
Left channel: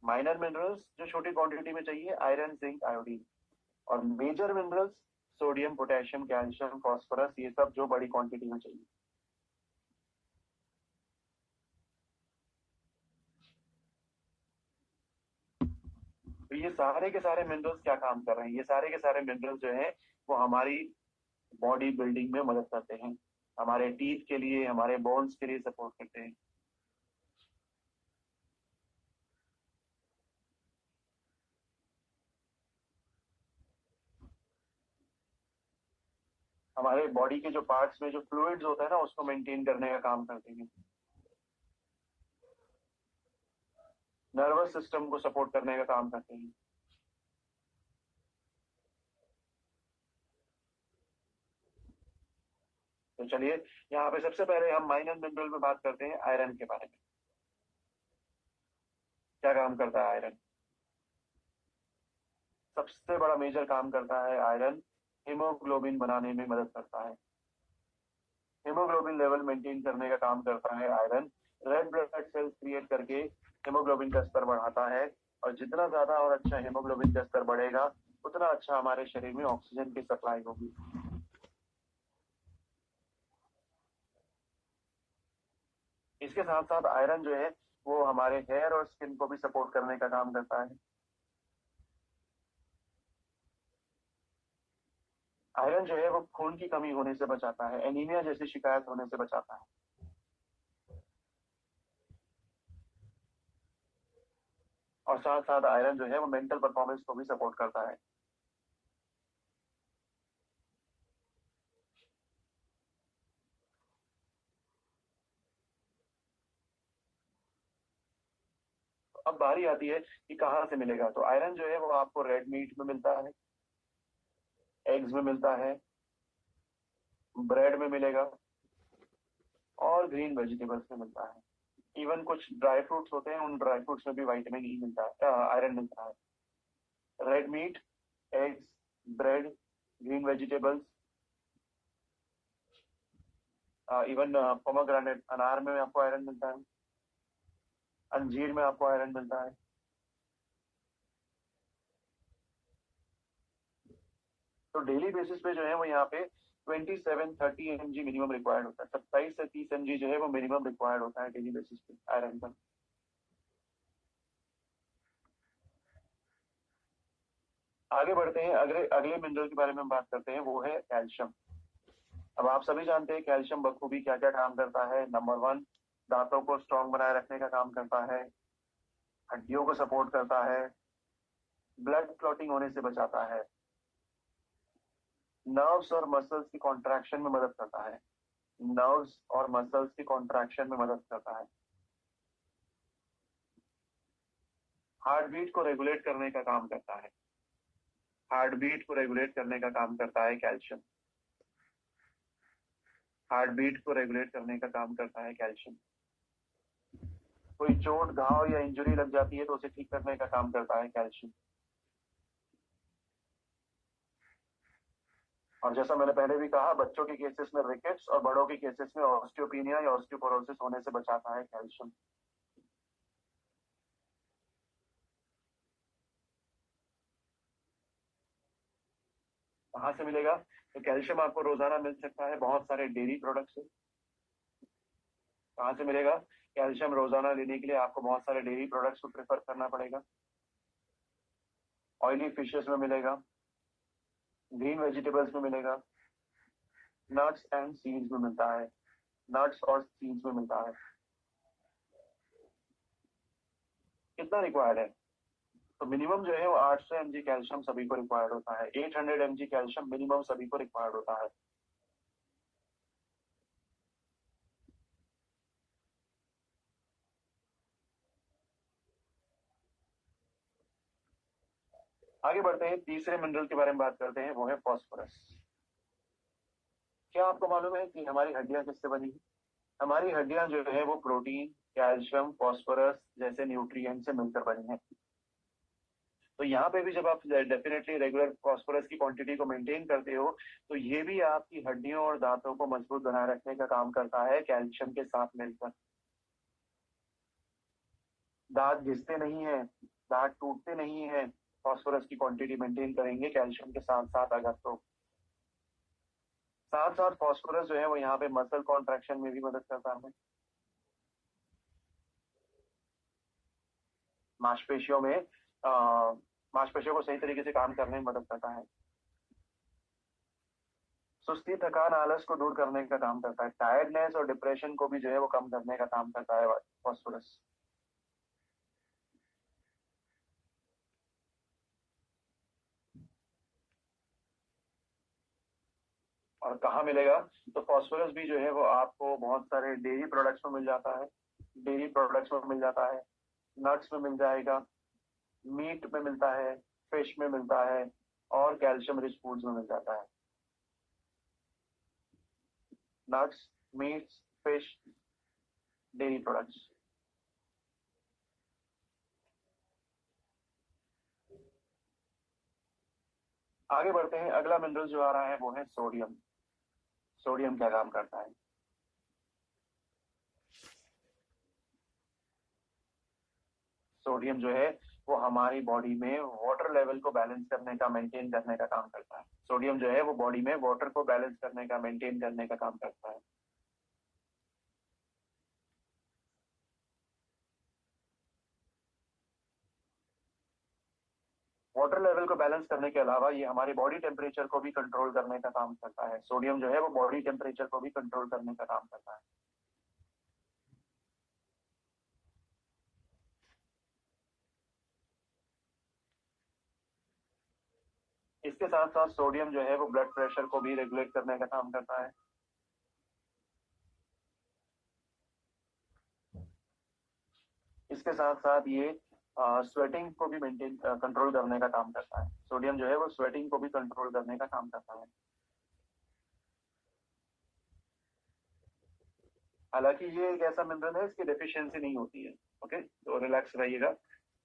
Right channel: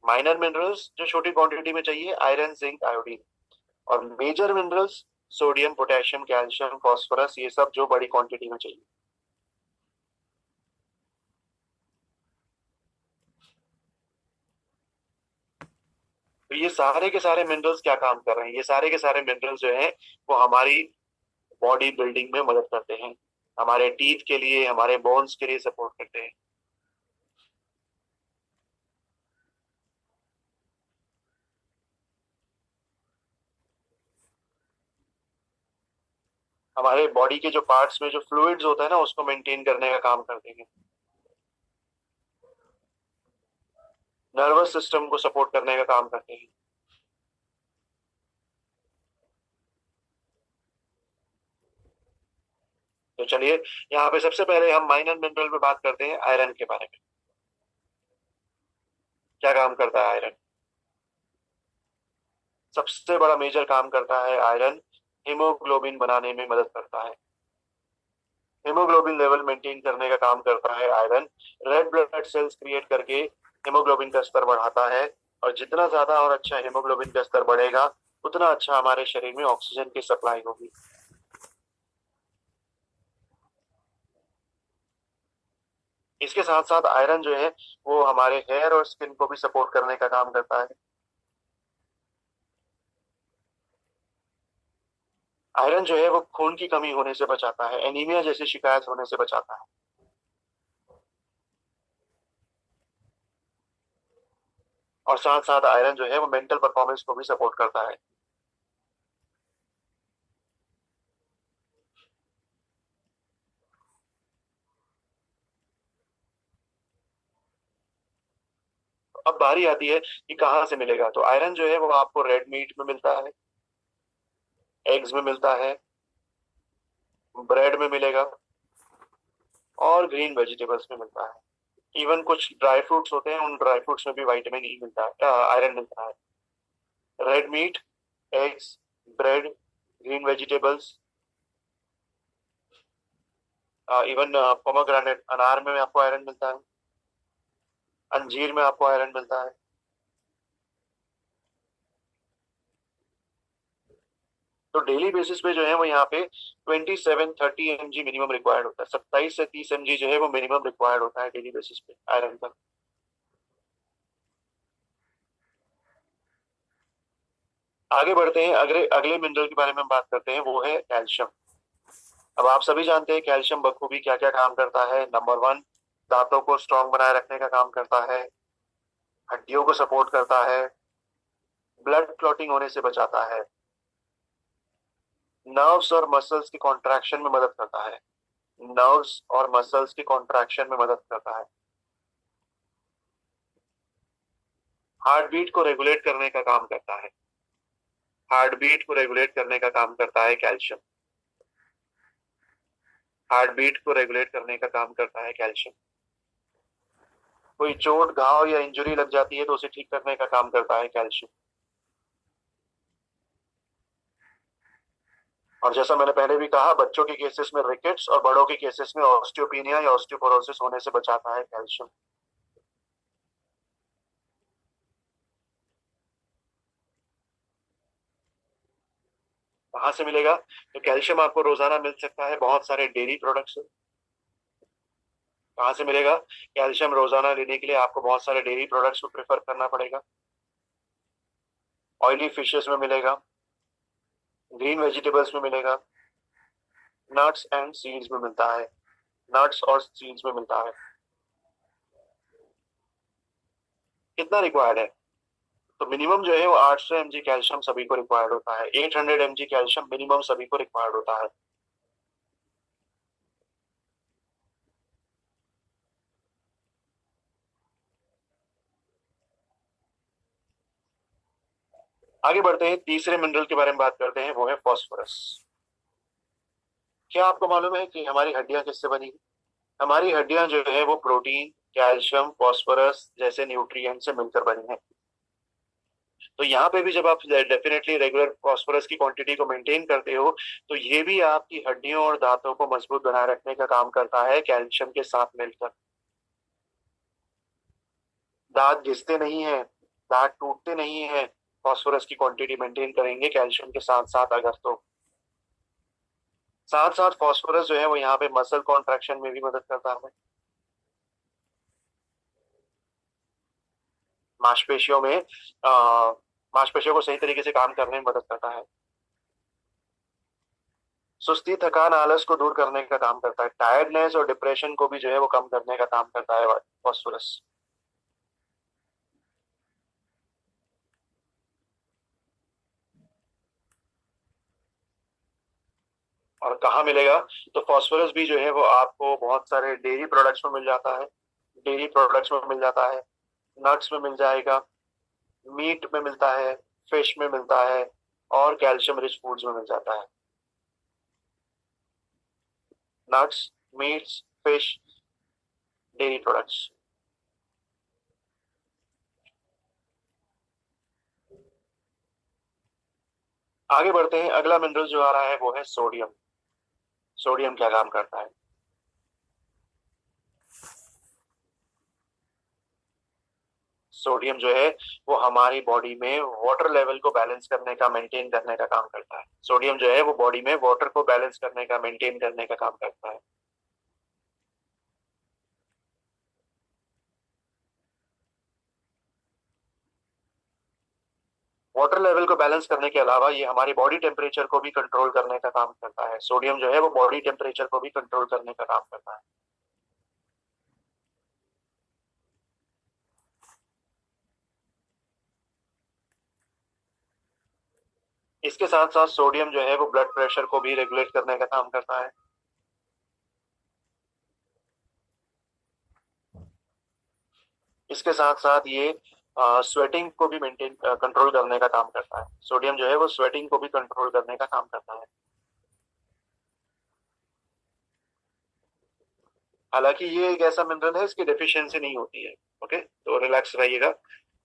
माइनर मिनरल्स जो छोटी क्वांटिटी में चाहिए, आयरन, जिंक, आयोडीन। और major minerals sodium, potassium, calcium, phosphorus, ये सब जो बड़ी क्वांटिटी में चाहिए। तो ये सारे के सारे मिनरल्स क्या काम कर रहे हैं? ये सारे के सारे मिनरल्स जो हैं वो हमारी बॉडी बिल्डिंग में मदद करते हैं, हमारे टीथ के लिए, हमारे बोन्स के लिए सपोर्ट करते हैं। हमारे बॉडी के जो पार्ट्स में जो फ्लूइड्स होता है ना उसको मेंटेन करने का काम करते हैं। नर्वस सिस्टम को सपोर्ट करने का काम करते हैं। तो चलिए, यहाँ पे सबसे पहले हम माइनर मिनरल में बात करते हैं आयरन के बारे में। क्या काम करता है आयरन? सबसे बड़ा मेजर काम करता है आयरन, हीमोग्लोबिन बनाने में मदद करता है। हीमोग्लोबिन लेवल मेंटेन करने का काम करता है iron. Red blood cells create करके हीमोग्लोबिन का स्तर बढ़ाता है, और जितना ज्यादा और अच्छा हीमोग्लोबिन का स्तर बढ़ेगा, उतना अच्छा हमारे शरीर में ऑक्सीजन की सप्लाई होगी। इसके साथ साथ आयरन जो है वो हमारे हेयर और स्किन को भी सपोर्ट करने का काम करता है। आयरन जो है वो खून की कमी होने से बचाता है, एनीमिया जैसी शिकायत होने से बचाता है। और साथ साथ आयरन जो है वो मेंटल परफॉर्मेंस को भी सपोर्ट करता है। अब बारी आती है कि कहाँ से मिलेगा। तो आयरन जो है वो आपको रेड मीट में मिलता है, एग्स में मिलता है, ब्रेड में मिलेगा, और ग्रीन वेजिटेबल्स में मिलता है। इवन कुछ ड्राई फ्रूट्स होते हैं, उन ड्राई फ्रूट्स में भी विटामिन ई मिलता है, आयरन मिलता है। Red meat, eggs, bread, green vegetables, even pomegranate, अनार में आपको आयरन मिलता है, अंजीर में आपको आयरन मिलता है। तो डेली बेसिस पे जो है वो यहाँ पे 27-30 mg मिनिमम रिक्वायर्ड होता है। 27 से 30 mg जो है वो मिनिमम रिक्वायर्ड होता है डेली बेसिस पे आयरन का। आगे बढ़ते हैं, अगले अगले मिनरल के बारे में हम बात करते हैं, वो है कैल्शियम। अब आप सभी जानते हैं कैल्शियम बखूबी क्या क्या काम करता है। नंबर वन, दांतों को स्ट्रांग बनाए रखने का काम करता है, हड्डियों को सपोर्ट करता है, ब्लड क्लॉटिंग होने से बचाता है, नर्व्स और मसल्स की कॉन्ट्रैक्शन में मदद करता है, नर्व्स और मसल्स की कॉन्ट्रैक्शन में मदद करता है, हार्ट बीट को रेगुलेट करने का काम करता है। हार्ट बीट को रेगुलेट करने का काम करता है कैल्शियम। हार्ट बीट को रेगुलेट करने का काम करता है कैल्शियम। कोई चोट, घाव या इंजरी लग जाती है तो उसे ठीक करने का काम करता है कैल्शियम। और जैसा मैंने पहले भी कहा, बच्चों के केसेस में रिकेट्स और बड़ों के केसेस में ऑस्टियोपिनिया या ऑस्टियोपोरोसिस होने से बचाता है कैल्शियम। कहाँ से मिलेगा? तो कैल्शियम आपको रोजाना मिल सकता है बहुत सारे डेयरी प्रोडक्ट्स से। कहाँ से मिलेगा? कैल्शियम रोजाना लेने के लिए आपको बहुत सारे डेयरी प्रोडक्ट्स को प्रेफर करना पड़ेगा। ऑयली फिशेस में मिलेगा, ग्रीन वेजिटेबल्स में मिलेगा, नट्स एंड सीड्स में मिलता है, नट्स और सीड्स में मिलता है। कितना रिक्वायर्ड है? तो मिनिमम जो है वो 800 mg कैल्शियम सभी को रिक्वायर्ड होता है। 800 mg कैल्शियम मिनिमम सभी को रिक्वायर्ड होता है। आगे बढ़ते हैं, तीसरे मिनरल के बारे में बात करते हैं, वो है फॉस्फोरस। क्या आपको मालूम है कि हमारी हड्डियां किससे बनी है? हमारी हड्डियां जो है वो प्रोटीन, कैल्शियम, फॉस्फोरस जैसे न्यूट्रिएंट से मिलकर बनी है। तो यहाँ पे भी जब आप डेफिनेटली रेगुलर फॉस्फोरस की क्वांटिटी को मेंटेन करते हो, तो ये भी आपकी हड्डियों और दांतों को मजबूत बनाए रखने का काम करता है कैल्शियम के साथ मिलकर। दांत घिसते नहीं है, दांत टूटते नहीं है, फॉस्फोरस की क्वांटिटी मेंटेन करेंगे कैल्शियम के साथ साथ अगर तो। साथ साथ फॉस्फोरस जो है वो यहाँ पे मसल कॉन्ट्रैक्शन में भी मदद करता है। मांसपेशियों में मांसपेशियों को सही तरीके से काम करने में मदद करता है। सुस्ती, थकान, आलस को दूर करने का काम करता है। टायर्डनेस और डिप्रेशन को भी जो है वो कम करने का काम करता है फॉस्फोरस। और कहाँ मिलेगा? तो फॉस्फोरस भी जो है वो आपको बहुत सारे डेयरी प्रोडक्ट्स में मिल जाता है। डेयरी प्रोडक्ट्स में मिल जाता है, नट्स में मिल जाएगा, मीट में मिलता है, फिश में मिलता है, और कैल्शियम रिच फूड्स में मिल जाता है। Nuts, meets, fish, dairy products. आगे बढ़ते हैं, अगला मिनरल जो आ रहा है वो है सोडियम। सोडियम क्या काम करता है? सोडियम जो है वो हमारी बॉडी में वाटर लेवल को बैलेंस करने का, मेंटेन करने का काम करता है। सोडियम जो है वो बॉडी में वाटर को बैलेंस करने का, मेंटेन करने का काम करता है। वाटर लेवल को बैलेंस करने के अलावा ये हमारी बॉडी टेम्परेचर को भी कंट्रोल करने का काम करता है। सोडियम जो है वो बॉडी टेम्परेचर को भी कंट्रोल करने का काम करता है। इसके साथ साथ सोडियम जो है वो ब्लड प्रेशर को भी रेगुलेट करने का काम करता है। इसके साथ साथ ये स्वेटिंग को भी मेंटेन कंट्रोल करने का काम करता है। सोडियम जो है वो स्वेटिंग को भी कंट्रोल करने का काम करता है। हालांकि ये एक ऐसा मिनरल है इसकी डेफिशिएंसी नहीं होती है। ओके, तो रिलैक्स रहिएगा।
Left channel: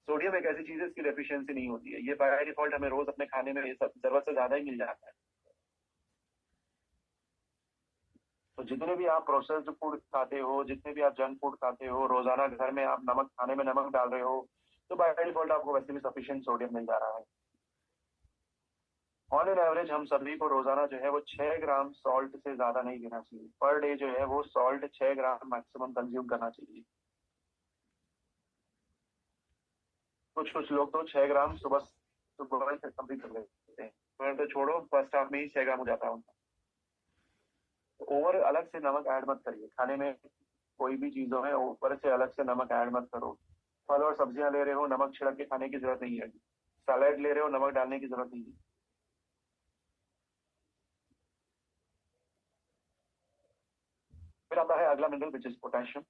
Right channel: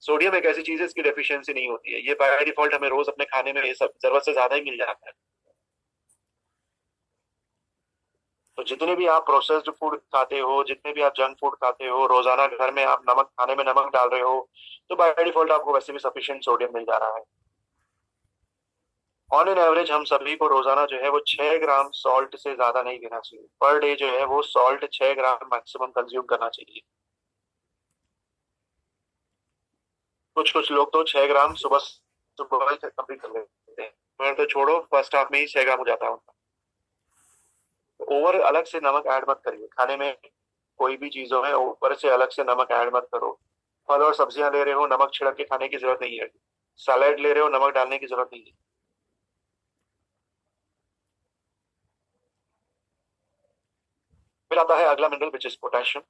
सोडियम एक ऐसी चीज है इसकी डेफिशिएंसी नहीं होती है, ये बाय डिफॉल्ट हमें रोज अपने खाने में ये सब जरूरत से ज्यादा ही मिल जाता है। तो जितने भी आप प्रोसेस्ड फूड खाते हो, जितने भी आप जंक फूड खाते हो, रोजाना घर में आप नमक, खाने में नमक डाल रहे हो, तो बाय डिफॉल्ट आपको वैसे भी सफिशिएंट सोडियम मिल जा रहा है। ऑन एन एवरेज हम सभी को रोजाना जो है वो 6 ग्राम सॉल्ट से ज्यादा नहीं लेना चाहिए। पर डे जो है वो सॉल्ट 6 ग्राम मैक्सिमम कंज्यूम करना चाहिए। कुछ कुछ लोग तो 6 ग्राम सुबह सुबह कंप्लीट कर लेते हैं। मैं तो छोड़ो, फर्स्ट हाफ में ही 6 ग्राम हो जाता है उनका। तो ओवर अलग से नमक ऐड मत करिए खाने में। कोई भी चीजों में ऊपर से अलग से नमक ऐड मत करो। फल और सब्जियां ले रहे हो, नमक छिड़क के खाने की जरूरत नहीं है। सैलेड ले रहे हो, नमक डालने की जरूरत नहीं है। फिर आता है अगला mineral which is potassium.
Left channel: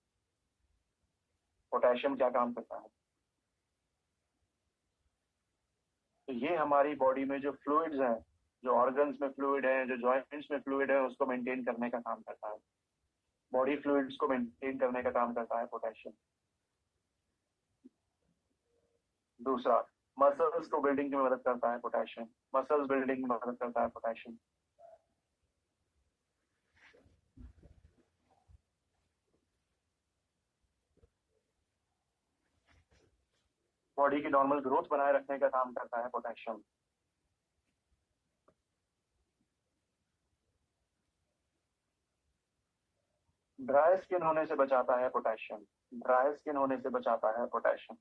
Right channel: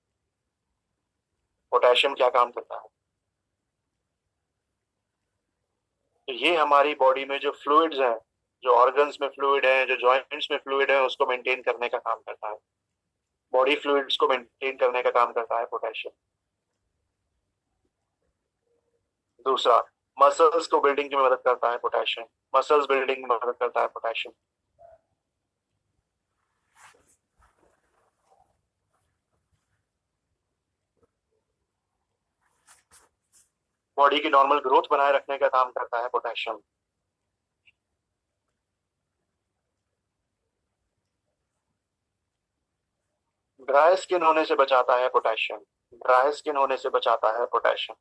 Potassium क्या काम करता है? तो ये हमारी बॉडी में जो फ्लूइड्स हैं, जो ऑर्गन्स में फ्लूइड है, जो जॉइंट्स में फ्लूइड है, उसको मेंटेन करने का काम करता है। बॉडी फ्लूइड्स को मेंटेन करने का काम करता है पोटेशियम। दूसरा, मसल्स को बिल्डिंग की मदद करता है पोटेशियम। मसल्स बिल्डिंग में मदद करता है पोटेशियम। बॉडी की नॉर्मल ग्रोथ बनाए रखने का काम करता है पोटेशियम। ड्राई स्किन होने से बचाता है पोटेशियम। ड्राई स्किन होने से बचाता है पोटेशियम।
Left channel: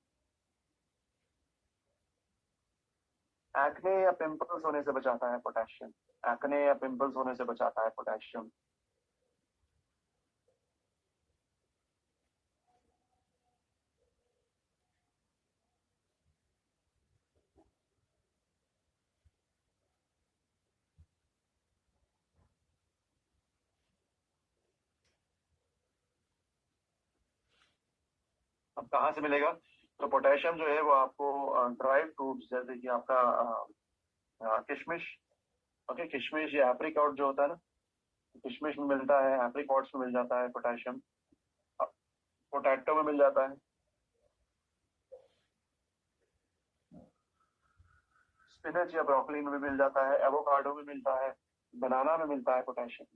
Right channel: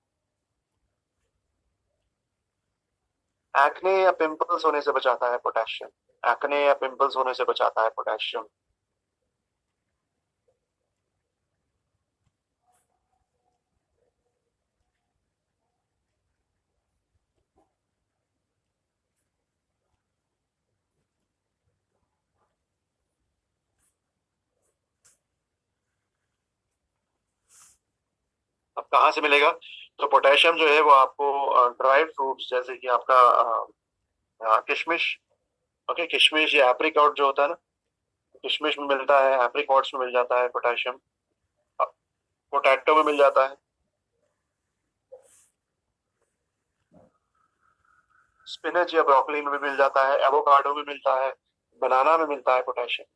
एक्ने या पिंपल्स होने से बचाता है पोटेशियम। एक्ने या पिंपल्स होने से बचाता है पोटेशियम। अब कहाँ से मिलेगा? तो पोटेशियम जो है वो आपको ड्राई फ्रूट्स जैसे कि आपका किशमिश, ओके, किशमिश या एप्रिकॉट जो होता है ना, किशमिश में मिलता है, एप्रिकॉट्स में मिल जाता है पोटेशियम। पोटैटो में मिल जाता है, स्पिनच या ब्रोकली में भी मिल जाता है, एवोकाडो में मिलता है, बनाना में मिलता है पोटेशियम।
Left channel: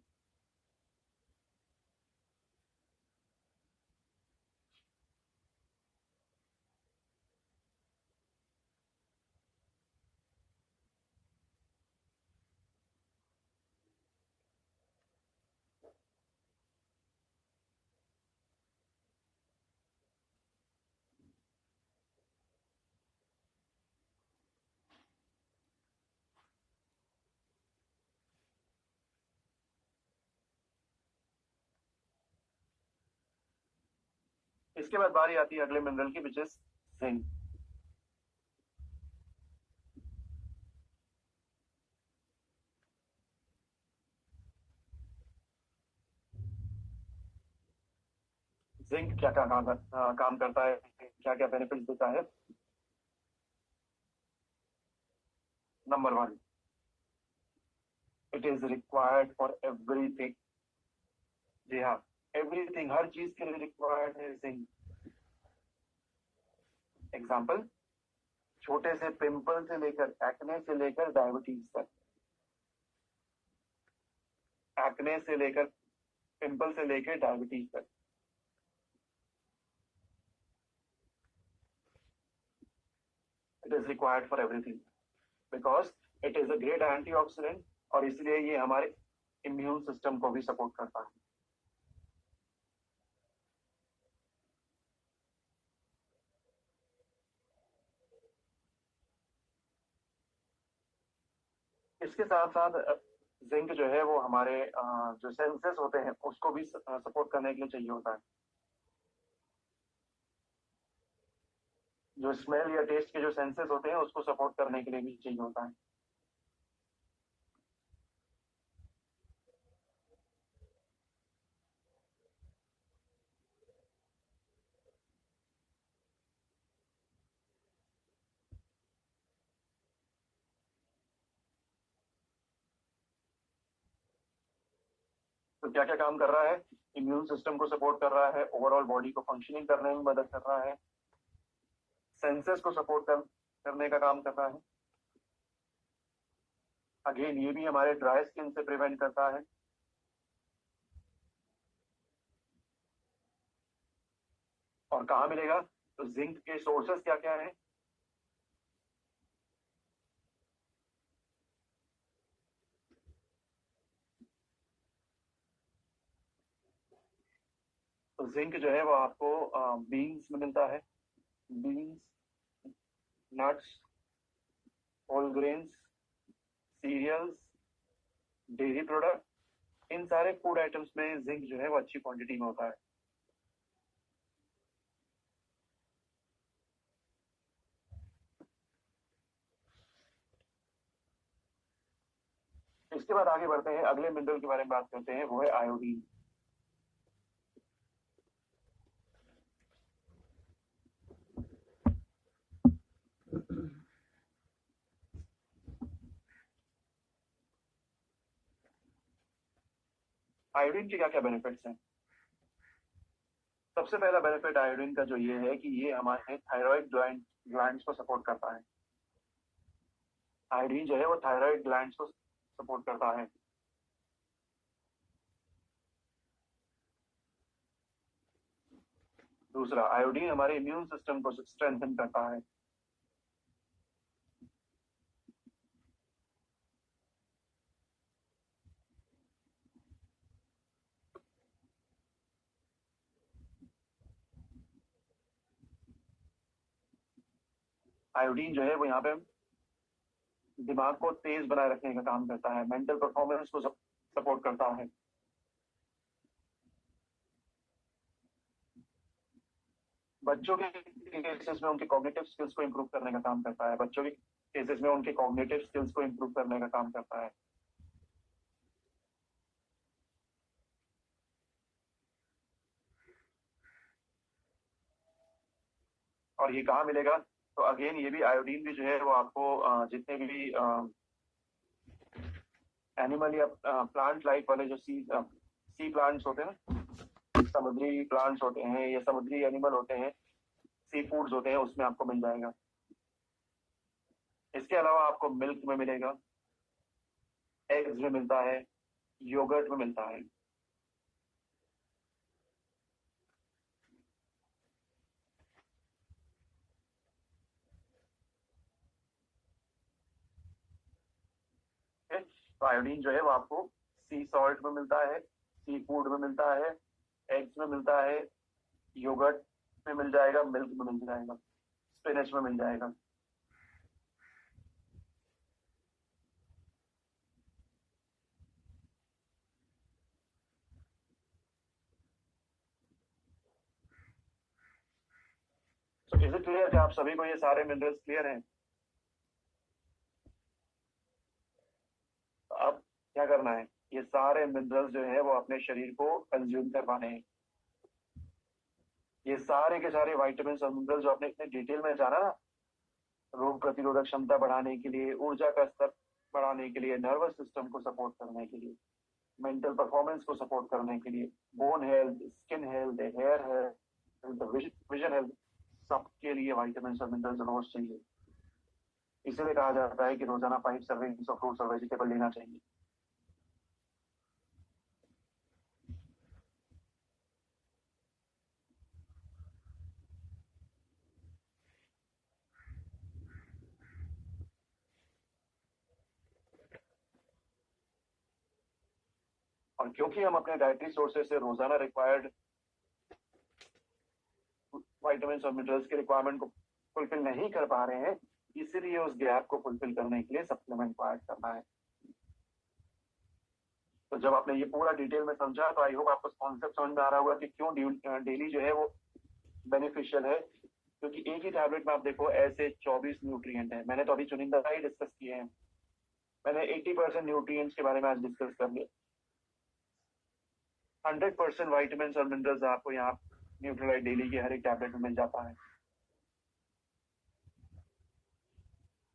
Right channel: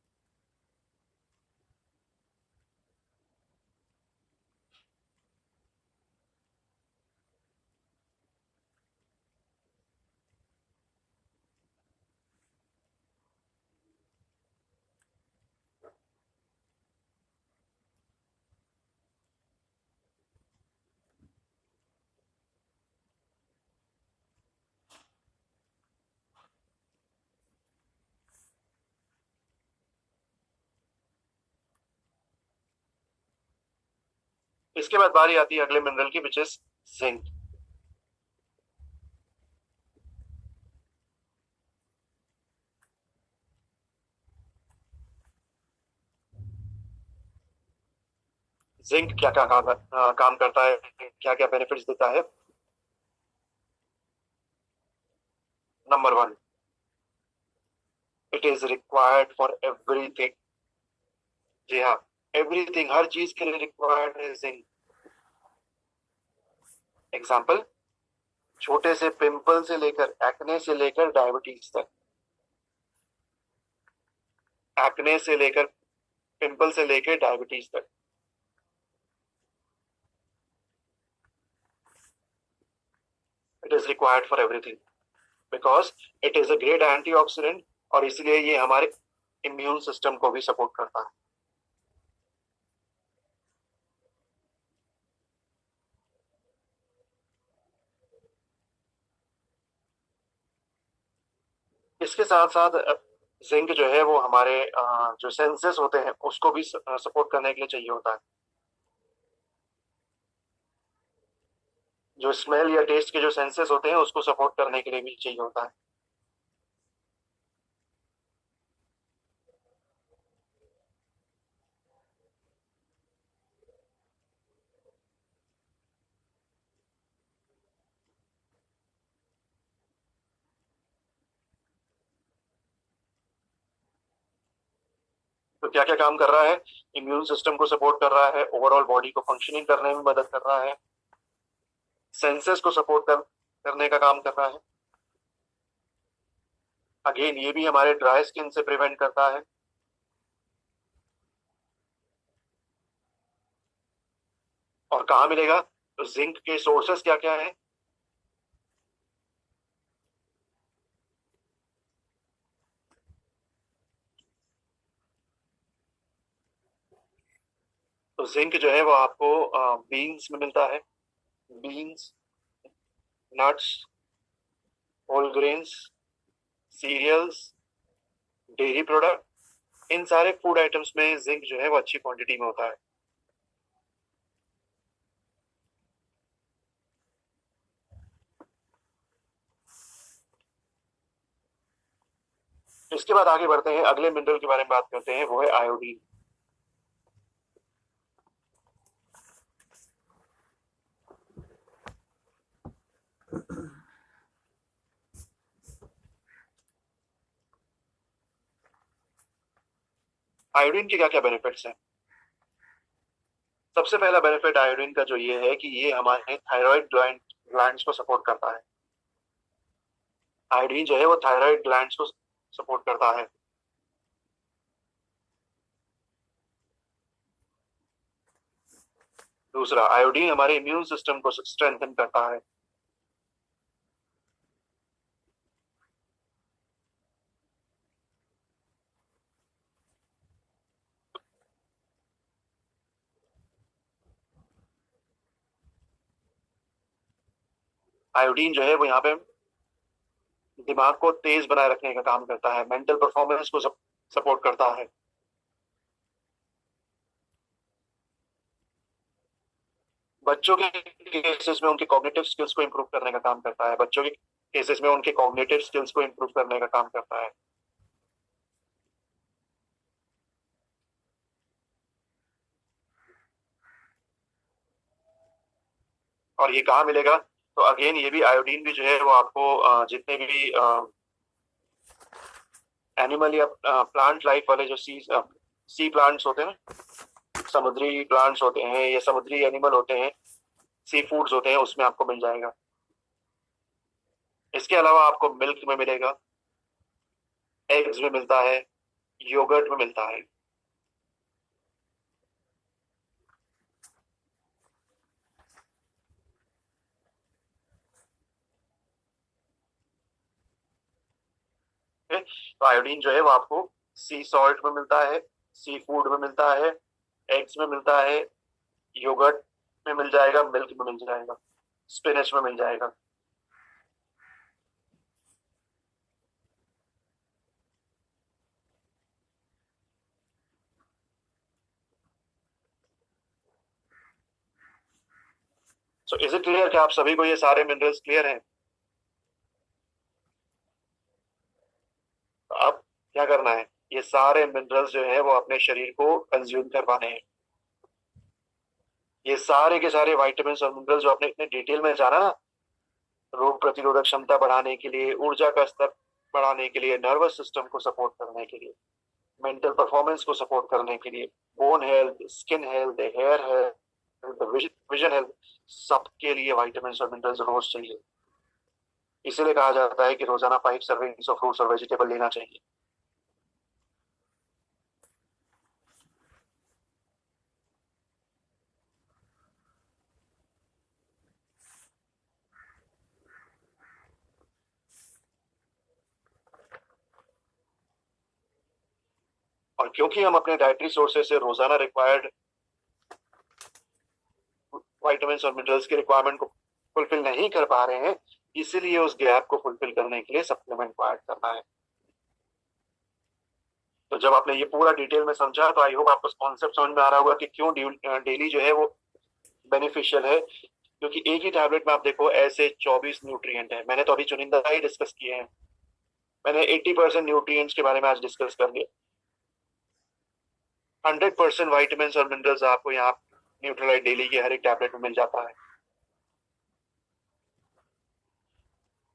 इसके बाद बारी आती है अगले मिनरल की, विच इज जिंक। जिंक क्या क्या काम करता है, क्या क्या बेनिफिट्स देता है। Number one, it is required for everything. जी हाँ, एवरीथिंग, हर चीज के लिए रिक्वायर्ड है जिंक। एग्जाम्पल, छोटे से पिंपल से लेकर, एक्ने से लेकर डायबिटीज तक, एक्ने से लेकर, पिंपल से लेकर डायबिटीज तक, it is required for everything because it is a great antioxidant, और इसलिए ये हमारे इम्यून सिस्टम को भी सपोर्ट करता है। इसके साथ साथ जिंक जो है वो हमारे जो सेंसेस होते हैं उसको भी सपोर्ट करने के लिए चाहिए होता है। जो स्मेल या टेस्ट के जो सेंसेस होते हैं उसको सपोर्ट करने के लिए भी चाहिए होता है। तो क्या क्या काम कर रहा है? इम्यून सिस्टम को सपोर्ट कर रहा है, ओवरऑल बॉडी को फंक्शनिंग करने में मदद कर रहा है, सेंसेस को करने का काम कर रहा है। अगेन ये भी हमारे ड्राई स्किन से प्रिवेंट करता है। और कहाँ मिलेगा? तो जिंक के सोर्सेस क्या क्या है? तो जिंक जो है वो आपको बीन्स में मिलता है। Beans, nuts, whole grains, cereals, dairy product, इन सारे फूड आइटम्स में जिंक जो है वो अच्छी क्वांटिटी में होता है। इसके बाद आगे बढ़ते हैं, अगले मिनरल के बारे में बात करते हैं, वो है आयोडीन। आयोडीन के क्या क्या बेनिफिट्स हैं? सबसे पहला बेनिफिट आयोडीन का जो ये है कि ये हमारे थायराइड ग्लैंड्स को सपोर्ट करता है। आयोडीन जो है वो थायराइड ग्लैंड्स को सपोर्ट करता है। दूसरा, आयोडीन हमारे इम्यून सिस्टम को स्ट्रेंथन करता है। आयोडीन जो है वो यहाँ पे दिमाग को तेज बनाए रखने का काम करता है, मेंटल परफॉर्मेंस को सपोर्ट करता है। बच्चों के केसेस में उनके कॉग्निटिव स्किल्स को इम्प्रूव करने का काम करता है। बच्चों के केसेस में उनके कॉग्निटिव स्किल्स को इम्प्रूव करने का काम करता है। और ये कहाँ मिलेगा? तो अगेन ये भी आयोडीन भी जो है वो आपको जितने भी एनिमल या प्लांट लाइफ वाले जो सी प्लांट्स होते हैं ना, समुद्री प्लांट्स होते हैं या समुद्री एनिमल होते हैं, सी फूड्स होते हैं, उसमें आपको मिल जाएगा। इसके अलावा आपको मिल्क में मिलेगा, एग्स में मिलता है, योगर्ट में मिलता है। तो आयोडीन जो है वो आपको सी सॉल्ट में मिलता है, सी फूड में मिलता है, एग्स में मिलता है, योगर्ट में मिल जाएगा, मिल्क में मिल जाएगा, स्पिनच में मिल जाएगा। सो इज इट क्लियर कि आप सभी को ये सारे मिनरल्स क्लियर हैं? तो अब क्या करना है? ये सारे मिनरल्स जो है वो अपने शरीर को कंज्यूम करवाने हैं। ये सारे के सारे वाइटामिन और मिनरल्स जो आपने इतने डिटेल में जाना ना, रोग प्रतिरोधक क्षमता बढ़ाने के लिए, ऊर्जा का स्तर बढ़ाने के लिए, नर्वस सिस्टम को सपोर्ट करने के लिए, मेंटल परफॉर्मेंस को सपोर्ट करने के लिए, bone health, skin health, hair health, vision health, सबके लिए वाइटामिन और मिनरल्स रोज चाहिए। इसीलिए कहा जाता है कि रोजाना 5 सर्विंग्स ऑफ फ्रूट्स और वेजिटेबल लेना चाहिए। और क्योंकि हम अपने डाइटरी सोर्सेज से रोजाना रिक्वायर्ड वाइटामिन और मिनरल्स की रिक्वायरमेंट को फुलफिल नहीं कर पा रहे हैं, इसीलिए उस गैप को फुलफिल करने के लिए सप्लीमेंट को ऐड करना है। तो जब आपने ये पूरा डिटेल में समझा तो आई होप आपको कॉन्सेप्ट समझ में आ रहा होगा कि क्यों डेली जो है वो बेनिफिशियल है। क्योंकि एक ही टैबलेट में आप देखो ऐसे 24 न्यूट्रिएंट है। मैंने तो अभी चुनिंदा ही डिस्कस किए हैं। मैंने 80% न्यूट्रिएंट्स के बारे में आज डिस्कस कर लिया। 100% वाइटामिन और मिनरल्स आपको यहाँ न्यूट्रीलाइट डेली के हर एक टैबलेट में मिल जाता है।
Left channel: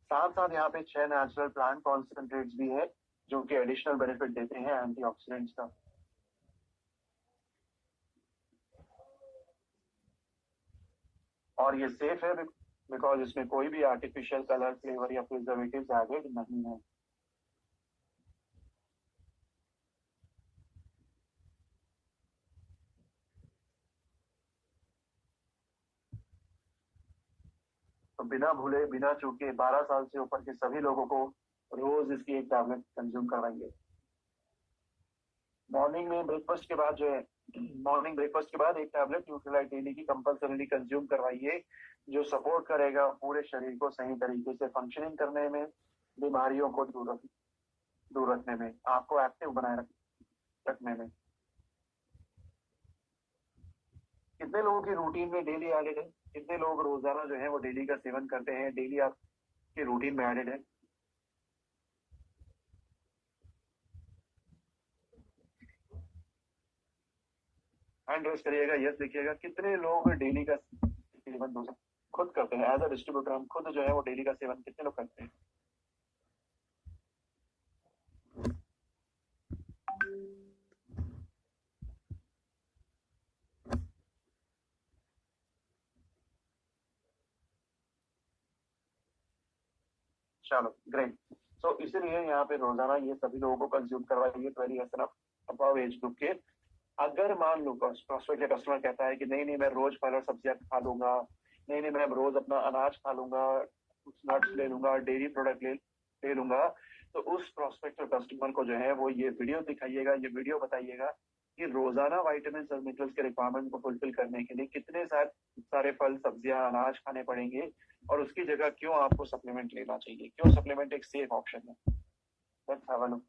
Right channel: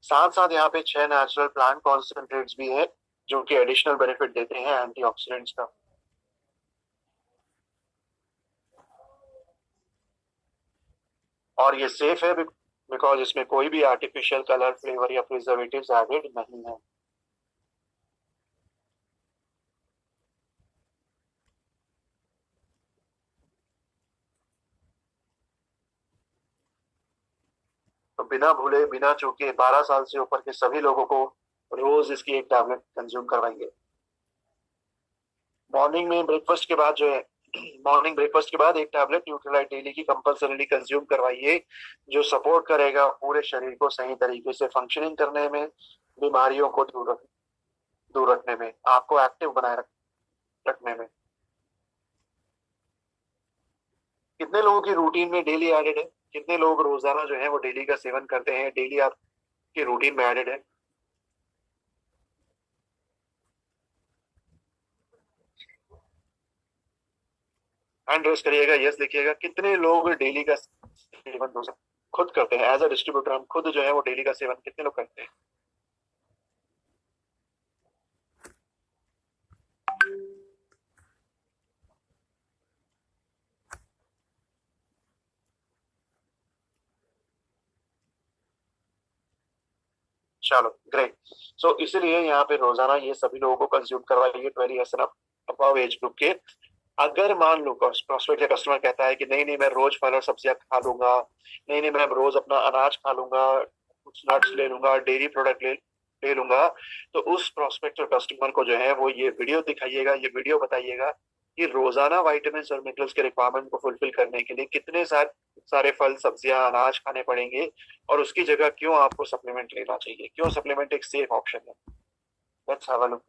साथ साथ यहाँ पे 6 नेचुरल प्लांट कॉन्सेंट्रेट्स भी है जो कि एडिशनल बेनिफिट देते हैं एंटीऑक्सीडेंट्स का। और ये सेफ है बिकॉज इसमें कोई भी आर्टिफिशियल कलर, फ्लेवर या प्रिजर्वेटिव्स एडेड नहीं है। तो बिना भूले बिना चूके 12 साल से ऊपर के सभी लोगों को रोज इसकी एक टैबलेट कंज्यूम करवाएंगे। मॉर्निंग में ब्रेकफास्ट के बाद जो है, मॉर्निंग ब्रेकफास्ट के बाद एक टैबलेट न्यूट्रीलाइट डेली की कंपल्सरीली कंज्यूम करवाइए, जो सपोर्ट करेगा पूरे शरीर को सही तरीके से फंक्शनिंग करने में, बीमारियों को दूर रखने में, आपको एक्टिव बनाए रखने में। कितने लोगों की रूटीन में डेली एडेड है? कितने लोग रोजाना जो है वो डेली का सेवन करते हैं, डेली आपके रूटीन में एडेड है? हैंड रेस करिएगा, यस लिखिएगा। कितने लोग डेली का सेवन खुद करते हैं? एज अ डिस्ट्रीब्यूटर हम खुद जो है वो डेली का सेवन कितने लोग करते हैं? चलो ग्रेट। सो इसीलिए यहाँ पे रोजाना ये सभी लोगों को कंज्यूम करवाइए 12 ईयर्स अबव एज ग्रुप के। अगर मान लो प्रोस्पेक्ट कस्टमर कहता है कि नहीं नहीं मैं रोज फल और सब्जियां खा लूंगा, नहीं नहीं मैं रोज अपना अनाज खा लूंगा, कुछ नट्स ले लूंगा, डेयरी प्रोडक्ट ले लूंगा, तो उस प्रोस्पेक्ट कस्टमर को जो है वो ये वीडियो दिखाइएगा, ये वीडियो बताइएगा कि रोजाना वाइटामिन और मिनरल्स के रिक्वायरमेंट को फुलफिल करने के लिए कितने सारे फल, सब्जियां, अनाज खाने पड़ेंगे, और उसकी जगह क्यों आपको सप्लीमेंट लेना चाहिए, क्यों सप्लीमेंट एक सेफ ऑप्शन है। Let's have a look.